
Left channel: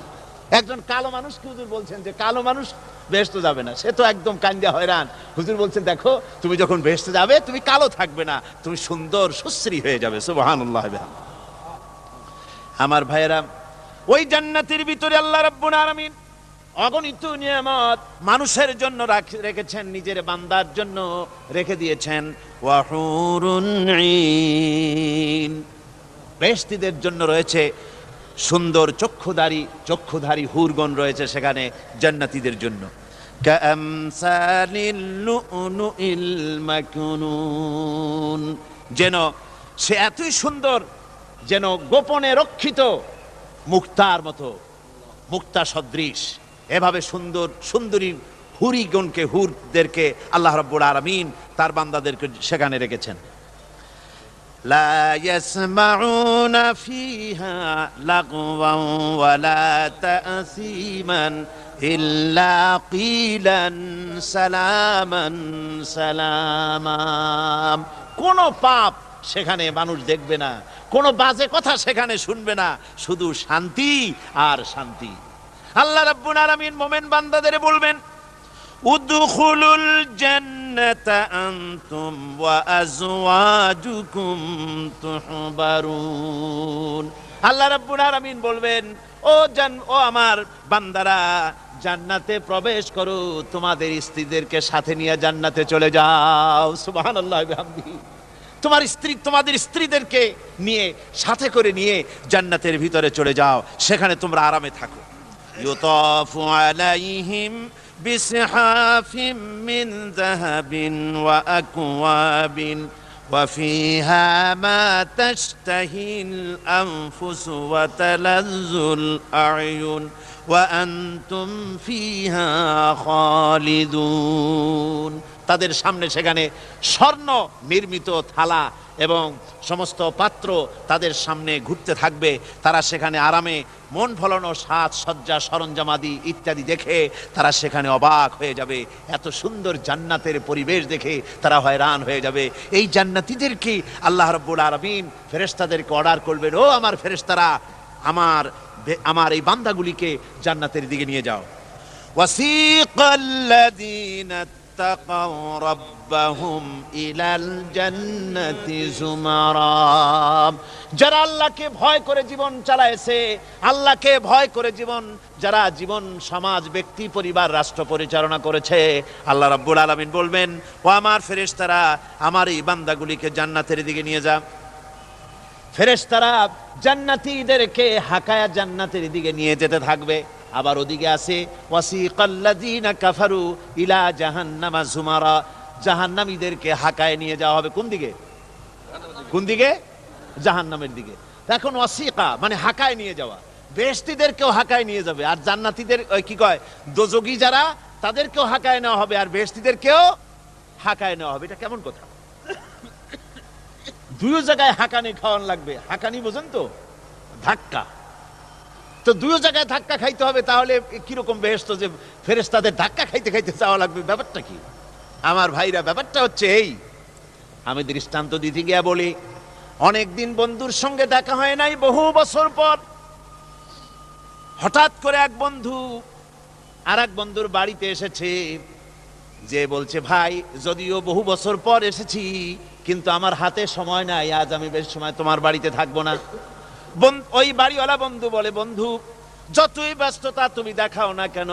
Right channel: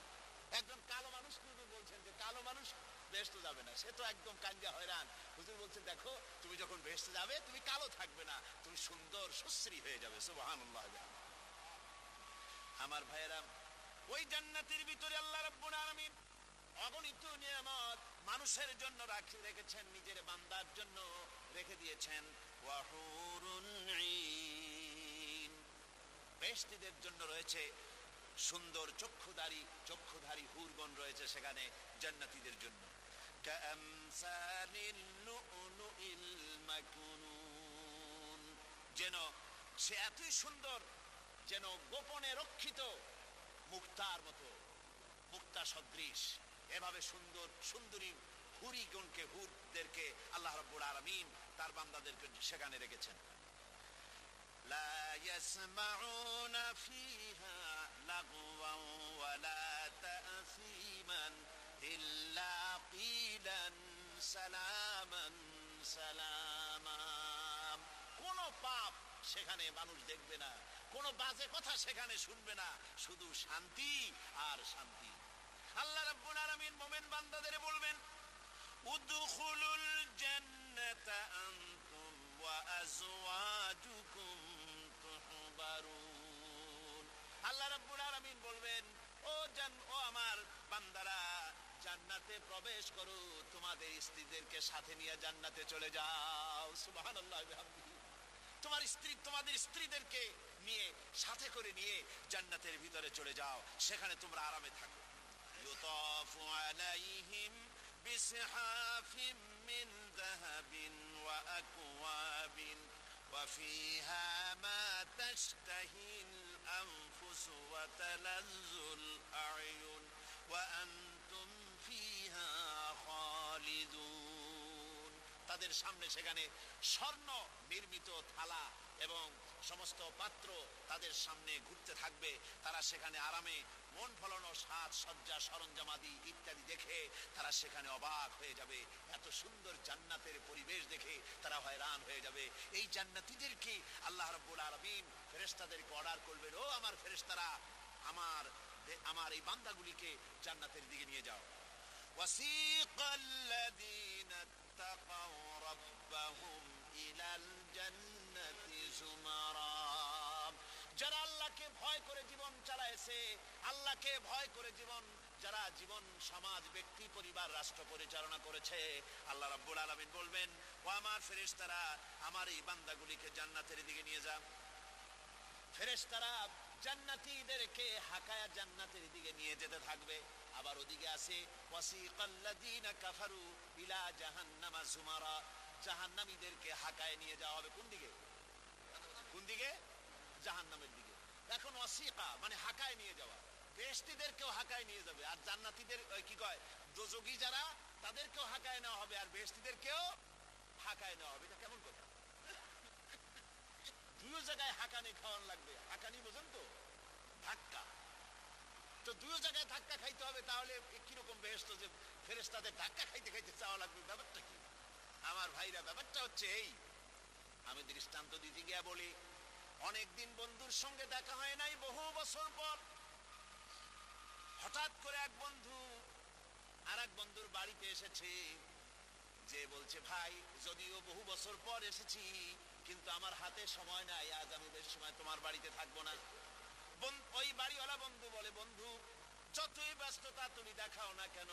একজন কালো মানুষকে হুজুর বলছেন যে কালো মানুষ বেহেশতে যাবে না, সে তো একদম কান্দিয়া হয়রান। হুজুর বলছেন দেখো তুমি যখন বেহেশতে যাবে তুমি কালো থাকবে না, তুমি সুন্দর সুশ্রী হয়ে যাবে। সুবহানাল্লাহ। আমার ভাইয়েরা, ওই জান্নাতের ভিতরে আল্লাহ রাব্বুল আলামিন অগণিত নিয়ামত মানুষের জন্য রেখেছেন, নিজের বান্দার জন্য রেখে দিয়েছেন। ওয়া হুরুন ঈন, বেহেশতীদের জন্য রয়েছে সুন্দর চক্ষুধারী হুরগণ রয়েছে সেখানে জান্নাতীদের জন্য। কামসালিল লুউলুইল মাকনুন, যেন সে এতই সুন্দর, যেন গোপনে রক্ষিত মুক্তার মতো, মুক্তা সদৃশ। এভাবে সুন্দর সুন্দরী হুরিগণকে, হুরদেরকে আল্লাহ রাব্বুল আলামিন তার বান্দাদেরকে সেখানে রেখেছেন। লা ইয়াসমাউনা ফিহা লাগওয়ান ওয়ালা তাসীমান ইল্লা কিলান সালামান সালামা। কোন পাপ সেখানে মানুষ দেখবে না, কোন বাজে কথা সেখানে শুনবে না, শুধু শান্তি আর শান্তি। আল্লাহ রাব্বুল আলামিন মুমিন বান্দাদের বলবেন, উদখুলুল জান্নাতা আনতুম ওয়া আজওয়াজুকুম তুহবারুন। আল্লাহ রাব্বুল আলামিন বলবেন, ও আমার বান্দারা, জান্নাতে প্রবেশ করো, তোমাদের স্ত্রীদেরকে সাথে নিয়ে জান্নাতে চলে যাও। সুবহানাল্লাহি ওয়া বিহামদিহি। তোমাদের স্ত্রীদেরকে নিয়ে, সাথে করে নিয়ে জান্নাতের ভিতরে চলে যাও, সেখানে তোমরা আরামে থাকো। ইউতাফু আলাইহিম বিসহাফিম মিন যাহাবিন ওয়া আকওয়াবিন ওয়া ফিহা মা তাশতাহিল আনফুসু ওয়া তালাজ্জুল আ'য়ুন ওয়া আনতুম ফিহা খালিদুন। তাদের সামনে সেখানে স্বর্ণ নির্মিত থালা এবং সমস্ত পাত্র তাদের সামনে ঘুরতে থাকবে। তারা সেখানে আরামে মন ভোলানো সাজ সজ্জা সরঞ্জামাদি ইত্যাদি দেখে তারা সেখানে অবাক হয়ে যাবে। এত সুন্দর জান্নাতের পরিবেশ দেখে তারা হয়রান হয়ে যাবে। এই জান্নাতীদেরকে আল্লাহ রাব্বুল আলামিন ফেরেশতাদেরকে অর্ডার করবেন, ও আমার ফেরেশতারা, আমার এই বান্দাগুলিকে জান্নাতের দিকে নিয়ে যাও। ওয়াসিকাল্লাযীনা ইত্তাকাউ রাব্বাহুম ইলাল জান্নাতি যুমারা। যারা আল্লাহকে ভয় করে জীবন চালায়ছে, আল্লাহকে ভয় করে যারা জীবন সমাজ ব্যক্তি পরিবার রাষ্ট্র পরিচালনা করেছে, আল্লাহ রাব্বুল আলামিন বলবেন, ও আমার ফেরেশতারা, আমার এই বান্দাগুলিকে জান্নাতের দিকে নিয়ে যা। ফেরেশতারা জান্নাতীদেরকে হাকায়া জান্নাতের দিকে নিয়ে যেতে থাকবে। আবার ওদিকে আছে ওয়াসিকাল্লাযীনা কাফারু ইলা জাহান্নামা যুমারা, জাহান্নামীদেরকে হাকায় নিয়ে যাওয়া হবে কোন দিকে? কোন দিকে? জাহান্নামের দিকে। এখন ওয়াসিকা মানে হাকায় নিয়ে যাওয়া, বেহেশতীদেরকেও হাকায় নিয়ে যাবে, আর জান্নাতীদের কি কয় দোজখী যারা তাদেরকেও হাকায় নেওয়া হবে, আর বেহেশতীদেরকেও হাকায় নেওয়া হবে। এটা কেমন কথা? দুই জায়গায় হাঁকানি খাওয়ান লাগবে। হাঁকানি বোঝেন তো? ধাক্কা। তো দুই জায়গায় ধাক্কা খাইতে হবে, তাহলে কিরকম বেহেশত যে ফেরেশতাদের ধাক্কা খাইতে খাইতে যাওয়া লাগবে? ব্যাপারটা কি আমার ভাইরা? ব্যাপারটা হচ্ছে এই, আমি দৃষ্টান্ত দিতে গিয়া বলি, অনেকদিন বন্ধুর সঙ্গে দেখা হয় নাই, বহু বছর পর হঠাৎ করে এক বন্ধু আর এক বন্ধুর বাড়িতে এসেছে, যে বলছে, ভাই যদিও বহু বছর পর এসেছি, কিন্তু আমার হাতে সময় নাই, আজ আমি বেশ সময় তোমার বাড়িতে থাকবো না। ওই বাড়িওয়ালা বন্ধু বলে, বন্ধু যতই ব্যস্ততা তুমি দেখাও না কেন,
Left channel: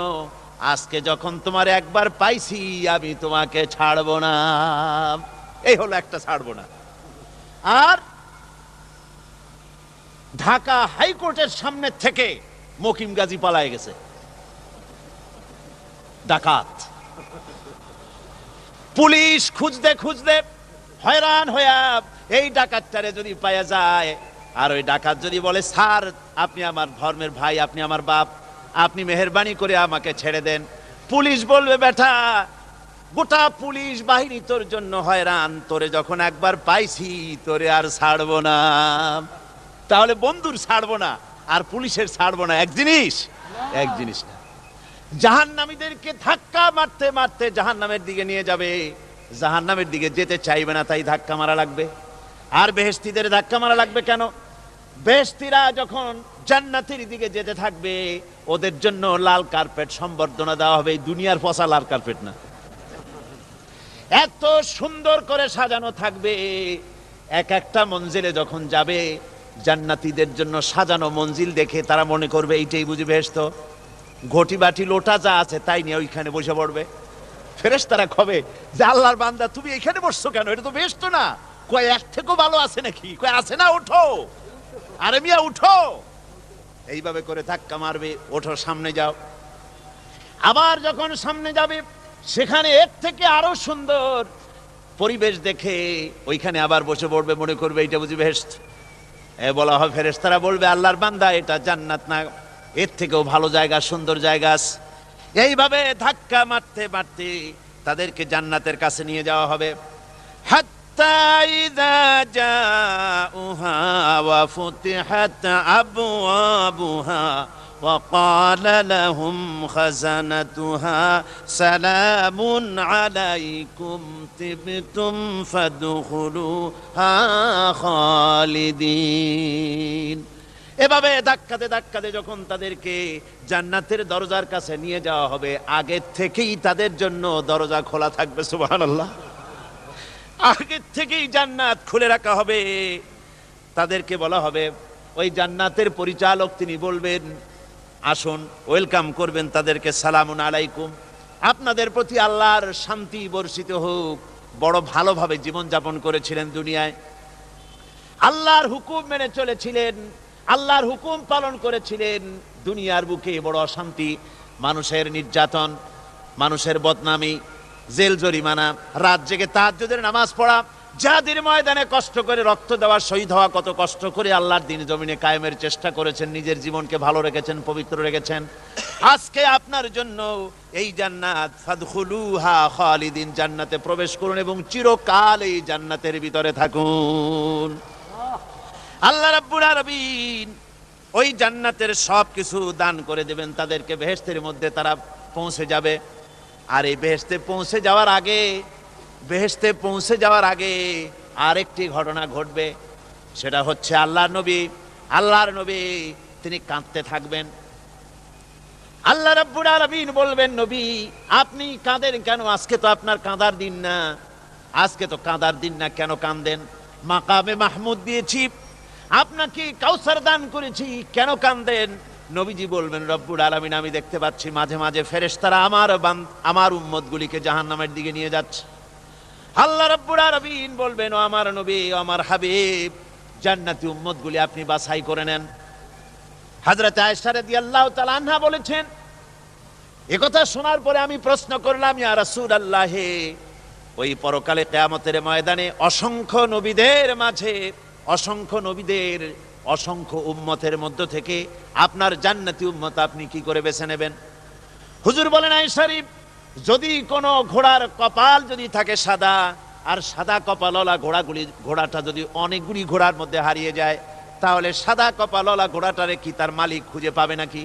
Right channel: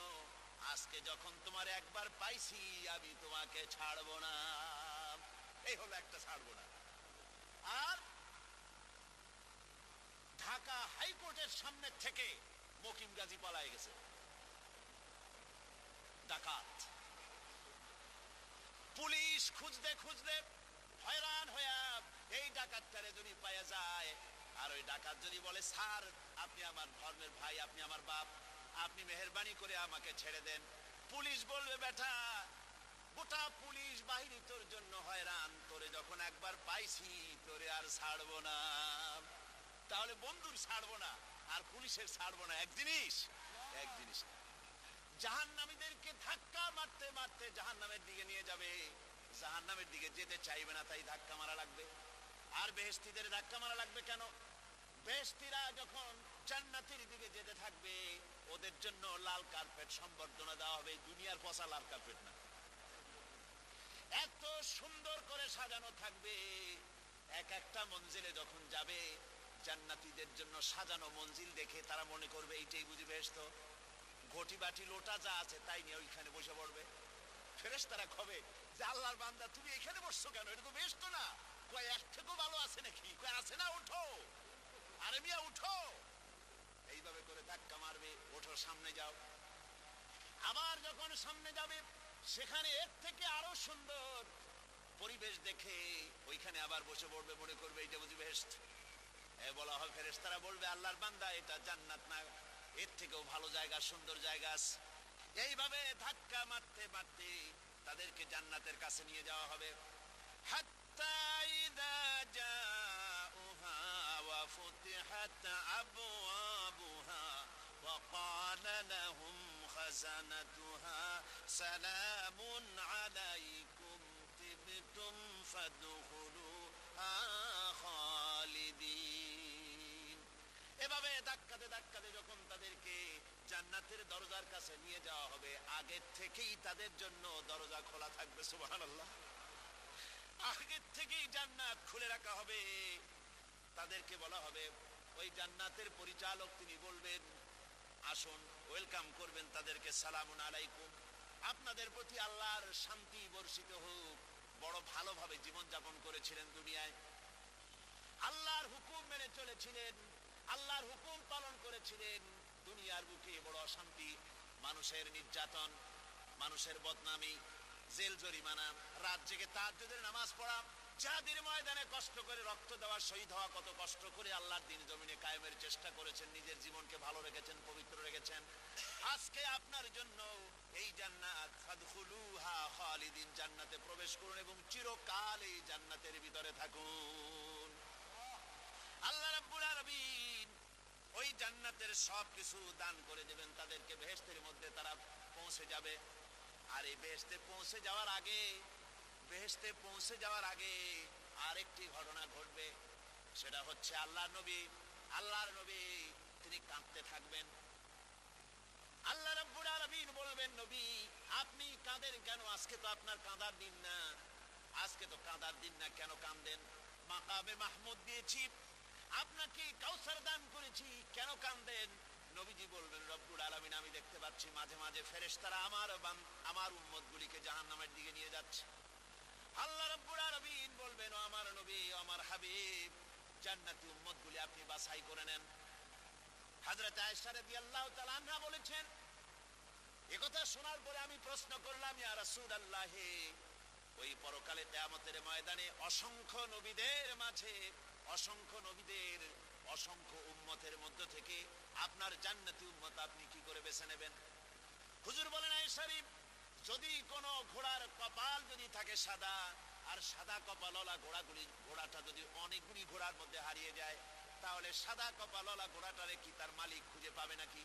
আজকে যখন তোমার একবার পাইছি আমি তোমাকে ছাড়বো না। এই হলো একটা ছাড়বো না। আর ঢাকা হাইকোর্টের সামনে থেকে মকিম গাজী পালায় গেছে, ডাকাত। পুলিশ খুঁজতে খুঁজতে হয়রান হইয়া এই ডাকাতটারে যদি পাওয়া যায়, আর ওই ডাকাত যদি বলে, স্যার আপনি আমার ধর্মের ভাই, আপনি আমার বাপ, আপনি মেহেরবানি করে আমাকে ছেড়ে দেন, পুলিশ বলবে, বেটা গোটা পুলিশ বাহিনী তোর জন্য হয়রান, তোরে যখন একবার পাইছি তোরে আর ছাড়বো না। তাহলে বন্ধুর ছাড়বো না আর পুলিশের ছাড়বো না এক জিনিস? এক জিনিস না। জাহান্নামীদেরকে ধাক্কা মারতে মারতে জাহান্নামের দিকে নিয়ে যাবে, জাহান্নামের দিকে যেতে চাইবে না, তাই ধাক্কা মারা লাগবে। আর বেহেশতীদের ধাক্কা মারা লাগবে কেন? বেহেশতীরা যখন জান্নাতের দিকে যেতে থাকবে, ওদের জন্য লাল কার্পেট সম্বর্ধনা দেওয়া হবে। দুনিয়ার পচা লাল কার্পেট না, এত সুন্দর করে সাজানো থাকবে। এক একটা মঞ্জিলে যখন যাবে, জান্নাতীদের জন্য সাজানো মঞ্জিল দেখে তারা মনে করবে এইটাই বুঝি বেহেশত। ঘটি বাটি লোটা যা আছে তাই নিয়ে ওইখানে বসে পড়বে। ফেরেশতারা কবে যে, আল্লাহর বান্দা তুমি এখানে বসছো কেন? এটা তো বেহেশত না। কয় এর থেকেও ভালো আছে নাকি? কয় আছে না, ওঠো, আরে মিয়া উঠো। এইভাবে করে ধাক্কা মারবে, ওঠো সামনে যাও। আবার যখন সামনে যাবে, সেখানে এর থেকে আরো সুন্দর পরিবেশ দেখে ওইখানে আবার বসে পড়বে, মনে করবে এইটা বুঝি বেহেশত। বলা হয়, ফেরেশতারা বলবে, আল্লাহর বান্দা এটা জান্নাত না, এর থেকেও ভালো জায়গা, সুন্দর জায়গা আছে। এইভাবে ধাক্কা মারতে মারতে তাদেরকে জান্নাতের কাছে নিয়ে যাওয়া হবে। হাত্তা ইযা জাউহা ওয়া ফুতিহাত আবওয়াবুহা ওয়া ক্বালা লাহুম খাযানাতুহা সালামুন আলাইকুম তিবতুম ফাদখুলুহা খালিদিন। এভাবে ধাক্কাতে ধাক্কাতে যখন তাদেরকে জান্নাতের দরজার কাছে নিয়ে যাওয়া হবে, আগে থেকেই তাদের জন্য দরজা খোলা থাকবে। সুবহানাল্লাহ। আগে থেকেই জান্নাত খুলে রাখা হবে। তাদেরকে বলা হবে, ওই জান্নাতের পরিচালক তিনি বলবেন, আসুন, ওয়েলকাম করবেন তাদেরকে, সালামুন আলাইকুম, আপনাদের প্রতি আল্লাহর শান্তি বর্ষিত হোক। বড় ভালোভাবে জীবনযাপন করেছিলেন দুনিয়ায়, আল্লাহর হুকুম মেনে চলেছিলেন, আল্লাহর হুকুম পালন করেছিলেন। দুনিয়ার বুকে বড় অশান্তি, মানুষের নির্যাতন, মানুষের বদনামি, জেল জরিমানা, রাত জেগে তাহাজ্জুদের নামাজ পড়া, জিহাদের ময়দানে কষ্ট করে রক্ত দেওয়া, শহীদ হওয়া, কত কষ্ট করে আল্লাহর দ্বীন জমিনে কায়েমের চেষ্টা করেছেন, নিজের জীবনকে ভালো রেখেছেন, পবিত্র রেখেছেন। আজকে আপনার জন্য এই জান্নাত, ফাদখুলুহা খালিদিন, জান্নাতে প্রবেশ করুন এবং চিরকাল এই জান্নাতের ভিতরে থাকুন। আল্লাহ রাব্বুল আলামিন ওই জান্নাতের সব কিছু দান করে দেবেন তাদেরকে। বেহেশতের মধ্যে তারা পৌঁছে যাবে। আর এই বেহেশতে পৌঁছে যাওয়ার আগে আরেকটি ঘটনা ঘটবে। সেটা হচ্ছে আল্লাহর নবী তিনি কাঁদতে থাকবেন। আল্লাহ রাব্বুল আলামিন বলবেন, নবী আপনি কাঁদেন কেন? আজকে তো আপনার কাঁদার দিন না, আজকে তো কাঁদার দিন না, কেন কাঁদেন? মাকামে মাহমুদ দিয়েছি, আপনাকে কাউসার দান করেছি, কেন কাঁদেন? নবীজি বলবেন, রব্বুল আলামিন আমি দেখতে পাচ্ছি মাঝে মাঝে ফেরেশতারা আমার উম্মতগুলিকে জাহান্নামের দিকে নিয়ে যাচ্ছে। আল্লাহ রাব্বুল আলামিন বলবেন, ও আমার নবী, ও আমার হাবিব, জান্নাতি উম্মতগুলি আপনি বাছাই করে নেন। হযরত আয়েশা রাদিয়াল্লাহু তাআলা আনহা বলেছেন, একথা শোনার পরে আমি প্রশ্ন করলাম, ইয়া রাসূলুল্লাহ, ওই পরকালে কিয়ামতের ময়দানে অসংখ্য নবীদের মাঝে, অসংখ্য নবীদের অসংখ্য উম্মতের মধ্য থেকে আপনার জান্নাতি উম্মত আপনি কি করে বেছে নেবেন? হুজুর বলেন, আয়েশা শরীফ, যদি কোনো ঘোড়ার কপাল যদি থাকে সাদা, আর সাদা কপালওয়ালা ঘোড়াটা যদি অনেকগুলি ঘোড়ার মধ্যে হারিয়ে যায়, তাহলে সাদা কপালওয়ালা ঘোড়াটারে কি তার মালিক খুঁজে পাবে নাকি?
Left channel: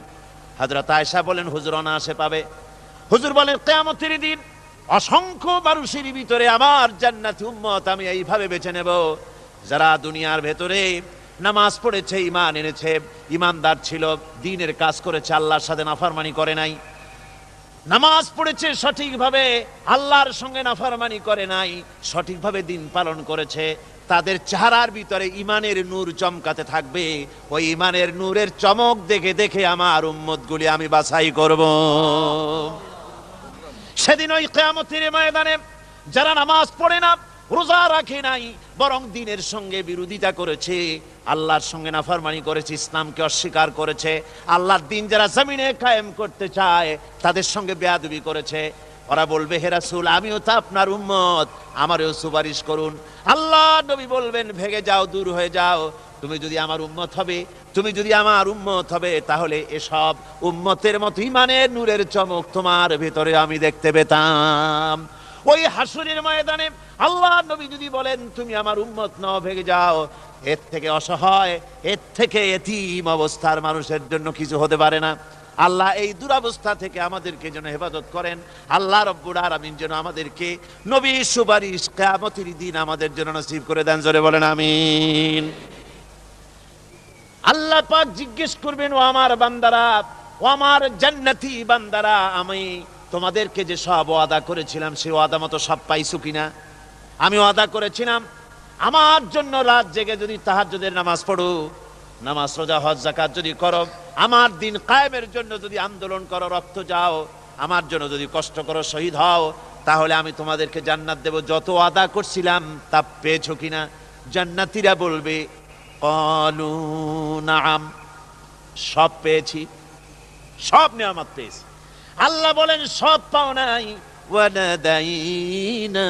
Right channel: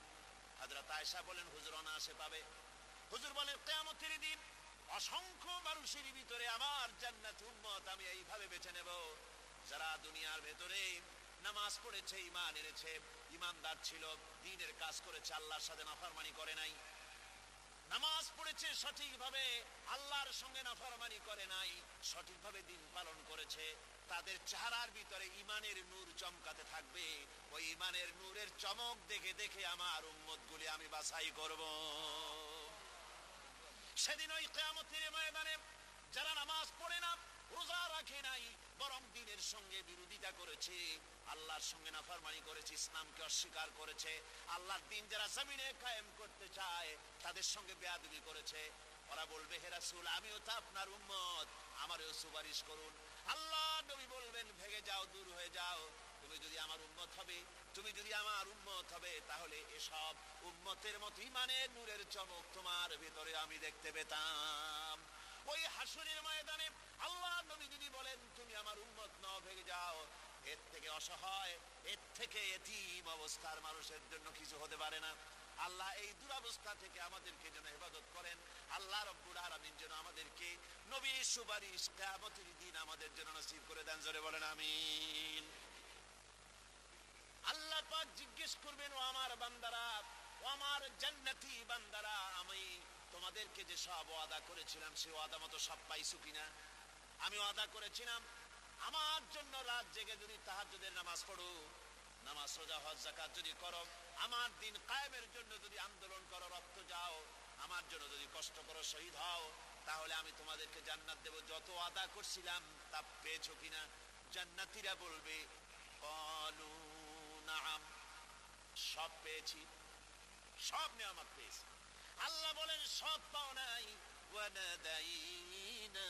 হযরত আয়েশা বলেন, হুজুর অনায়াসে পাবে। হুজুর বলেন, কিয়ামতের দিন অসংখ্য মানুষের ভিতরে আমার জান্নাতি উম্মত আমি এইভাবে বেছে নেব, যারা দুনিয়ার ভেতরে নামাজ পড়েছে, ঈমান এনেছে, ঈমানদার ছিল, দ্বীনের কাজ করেছে, আল্লাহর সাথে নাফরমানি করে নাই, নামাজ পড়েছে সঠিকভাবে, আল্লাহর সঙ্গে নাফরমানি করে নাই, সঠিকভাবে দিন পালন করেছে, তাদের চেহারার ভিতরে ঈমানের নূর চমকাতে থাকবে। ওই ঈমানের নূরের চমক দেখে দেখে আমার উম্মতগুলি আমি বাছাই করব। সেদিন ওই কিয়ামতের ময়দানে যারা নামাজ পড়ে না, রোজা রাখে নাই, বরং দ্বীনের সঙ্গে বিরোধিতা করেছে, আল্লাহর সঙ্গে নাফরমানি করেছে, ইসলামকে অস্বীকার করেছে, আল্লাহর দ্বীন যারা জমিনে কায়েম করতে চায় তাদের সঙ্গে বেয়াদবি করেছে, ওরা বলবে, হে রাসূল, আমিও তো আপনার উম্মত, আমারও সুপারিশ করুন। আল্লাহ নবী বলবেন, ভেগে যাও, দূর হয়ে যাও, তুমি যদি আমার উম্মত হবে, তুমি যদি আমার উম্মত হবে, তাহলে এসব উম্মতের মতো ঈমানের নূরের চমক তোমার ভেতরে আমি দেখতে পেতাম। ওই হাসরের ময়দানে আল্লাহ নবী যদি বলেন, তুমি আমার উম্মত নও, ভেগে যাও, এর থেকে অসহায়, এর থেকে এতিম অবস্থার মানুষের জন্য কিছু হতে পারে না। আল্লাহ এই দুরবস্থা থেকে আমাদেরকে যেন হেফাজত করেন। আল্লাহ রব্বুল আলামিন যেন আমাদেরকে নবীর সুপারিশ কিয়ামতের দিন আমাদের জন্য নসিব করে দেন। জোরে বলেন আমিন। আল্লাহ পাক জিজ্ঞেস করবেন, ও আমার বান্দারা, ও আমার জান্নাতি বান্দারা, আমি তোমাদেরকে যে সব ওয়াদা করেছিলাম সেই ওয়াদা মতো সব পাইছো কিনা? আমি ওয়াদা করেছিলাম আমার জন্য রাত জেগে যদি তাহাজ্জুদের নামাজ পড়ো, নামাজ, রোজা, হজ, যাকাত যদি করো, আমার দিন কায়েমের জন্য যদি আন্দোলন করো, রক্ত যাও, আমার জন্য যদি কষ্ট করো, শহীদ হও, তাহলে আমি তোমাদেরকে জান্নাত দেব। যত ওয়াদা করছিলাম তা পেয়েছো কিনা? জান্নাতীরা বলবে, ক্বালু নাআম, সব পেয়েছি, সব নিয়ামত পেয়েছি। আল্লাহ বলেন, সব পাও নাই, ওয়ালাদাইনা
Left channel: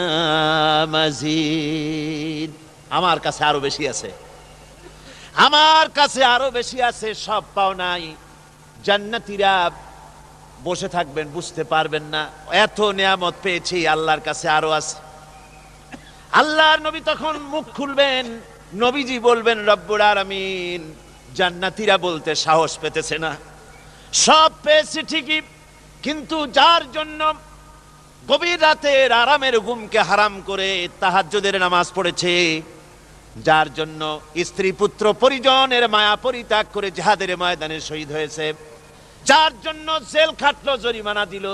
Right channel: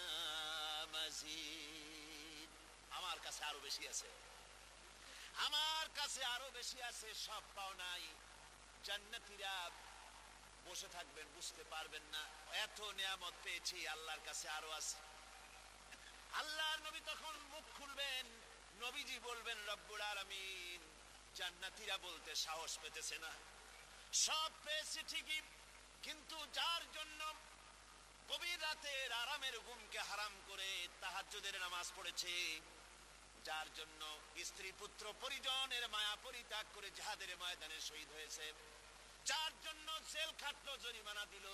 মাজিদ, আমার কাছে আরো বেশি আছে, আমার কাছে আরো বেশি আছে, সব পাও নাই। জান্নাতীরা বসে থাকবেন, বুঝতে পারবেন না, এত নিয়ামত পেয়েছি, আল্লাহর কাছে আরো আছে। আল্লাহর নবী তখন মুখ খুলবেন, নবীজি বলবেন, রব্বুল আলামিন, জান্নাতীরা বলতে সাহস পেতেছে না, সব পেয়েছে ঠিকই, কিন্তু যার জন্য গভীর রাতের আরামের ঘুমকে হারাম করে তাহাজ্জুদের নামাজ পড়েছে, যার জন্য স্ত্রী পুত্র পরিজনের মায়া পরিত্যাগ করে জিহাদের ময়দানে শহীদ হয়েছে, যার জন্য জেল খাটলো, জরিমানা দিল,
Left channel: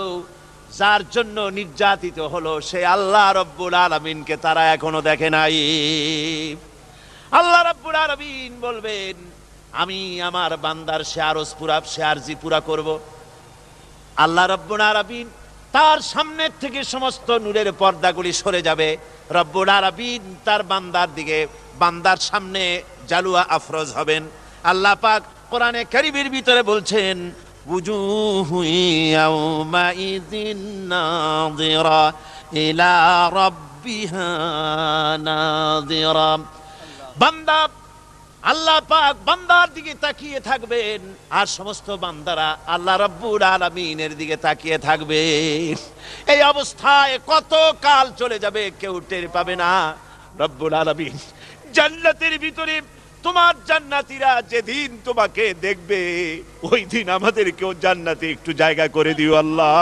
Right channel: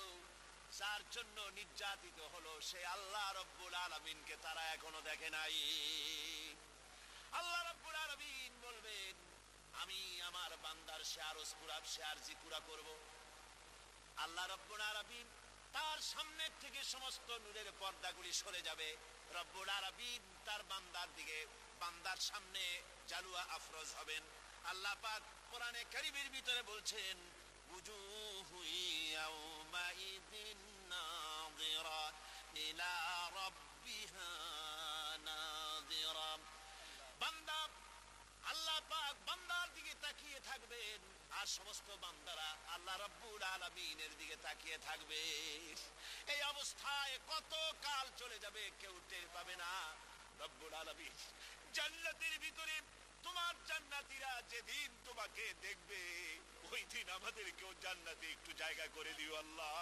যার জন্য নির্যাতিত হলো, সে আল্লাহ রব্বুল আলামিনকে তারা এখনো দেখে নাই। আল্লাহ রব্বুল আলামিন বলবেন, আমি আমার বান্দার সে আরজ পুরা, সে আরজি পুরা করব। আল্লাহ রব্বুল আলামিন তার সামনের থেকে সমস্ত নূরের পর্দাগুলি সরে যাবে, রব্বুল আলামিন তার বান্দার দিকে, বান্দার সামনে জালুয়া আফরোজ হবেন। আল্লাহ পাক কোরআনে কারীমের ভিতরে বলছেন, উজুহু ইয়াউমাইযিন নাযিরা ইলা রাব্বিহা নাযিরা। বান্দা, আল্লাহ পাক বান্দার দিকে তাকিয়ে থাকবেন, আর সমস্ত বান্দারা আল্লাহ রাব্বুল আলামিনের দিকে তাকিয়ে থাকবে। এই অবস্থায় কত কাল চলে যাবে কেউ টের পাবে না। রব্বুল আলামিন জান্নাতের ভিতরে, তোমার জান্নাতীরা যেদিন তোমাকে দেখবে, ওই দিন আমাদেরকেও জান্নাতে একটু জায়গা করে দিও আল্লাহ।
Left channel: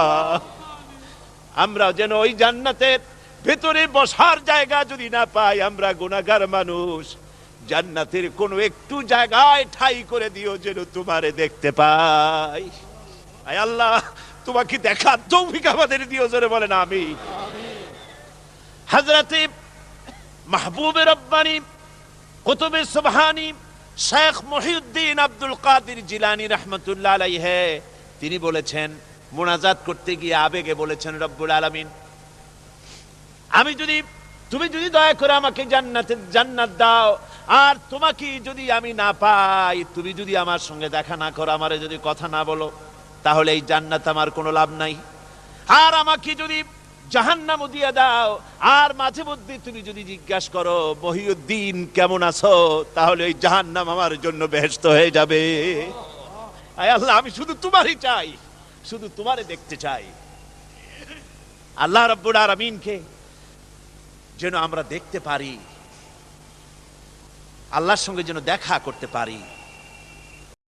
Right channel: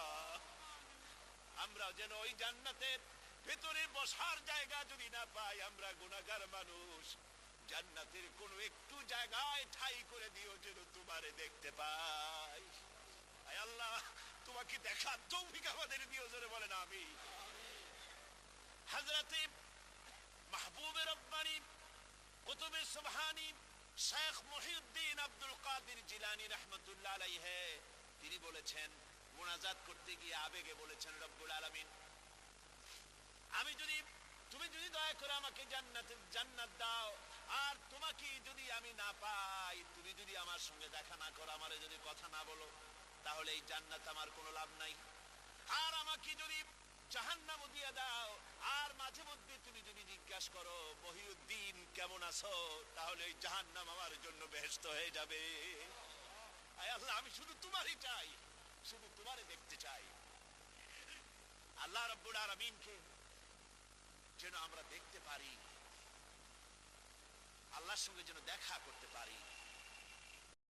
আমরা যেন ওই জান্নাতের ভেতরে বসার জায়গা যদি না পাই, আমরা গুনাহগার মানুষ, জান্নাতের কোনো একটু জায়গায় ঠাই করে দিও যেন তোমারে দেখতে পাই। আয় আল্লাহ, তোমাকে দেখার তৌফিক আমাদের দিও, জোরে বলেন আমিন। হযরতে মাহবুবে রব্বানী কুতুবে সুবহানী শেখ মহিউদ্দিন আব্দুল কাদের জিলানী রাহমাতুল্লাহ আলাইহি তিনি বলেছেন, মুনাজাত করতে গিয়ে আবেগে বলেছেন, রব্বুল আলামিন, তুমি যদি দয়া করে আমাকে জান্নাত দাও, আর তোমাকে যদি আমি না পাই, তুমি যদি আমার সঙ্গে দেখা না করো, আমারে যদি কথা না বলো, তাহলে এই জান্নাত আমার কোনো লাভ নাই। আর আমাকে যদি জাহান্নামও দিয়ে দাও, আর মাঝে মধ্যে তুমি যদি জিজ্ঞাসা করো মহিউদ্দিন কেমন আছো, তাহলে এই জাহান্নাম আমার জন্য বেহেশত হয়ে যাবে। আয় আল্লাহ, আমি শুধু তোমারই চাই, শুধু তোমারে দেখতে চাই। আল্লাহ রাব্বুল আলামিনকে যেন আমরা দেখতে পারি, আল্লাহর সঙ্গে যেন দেখা করতে পারি।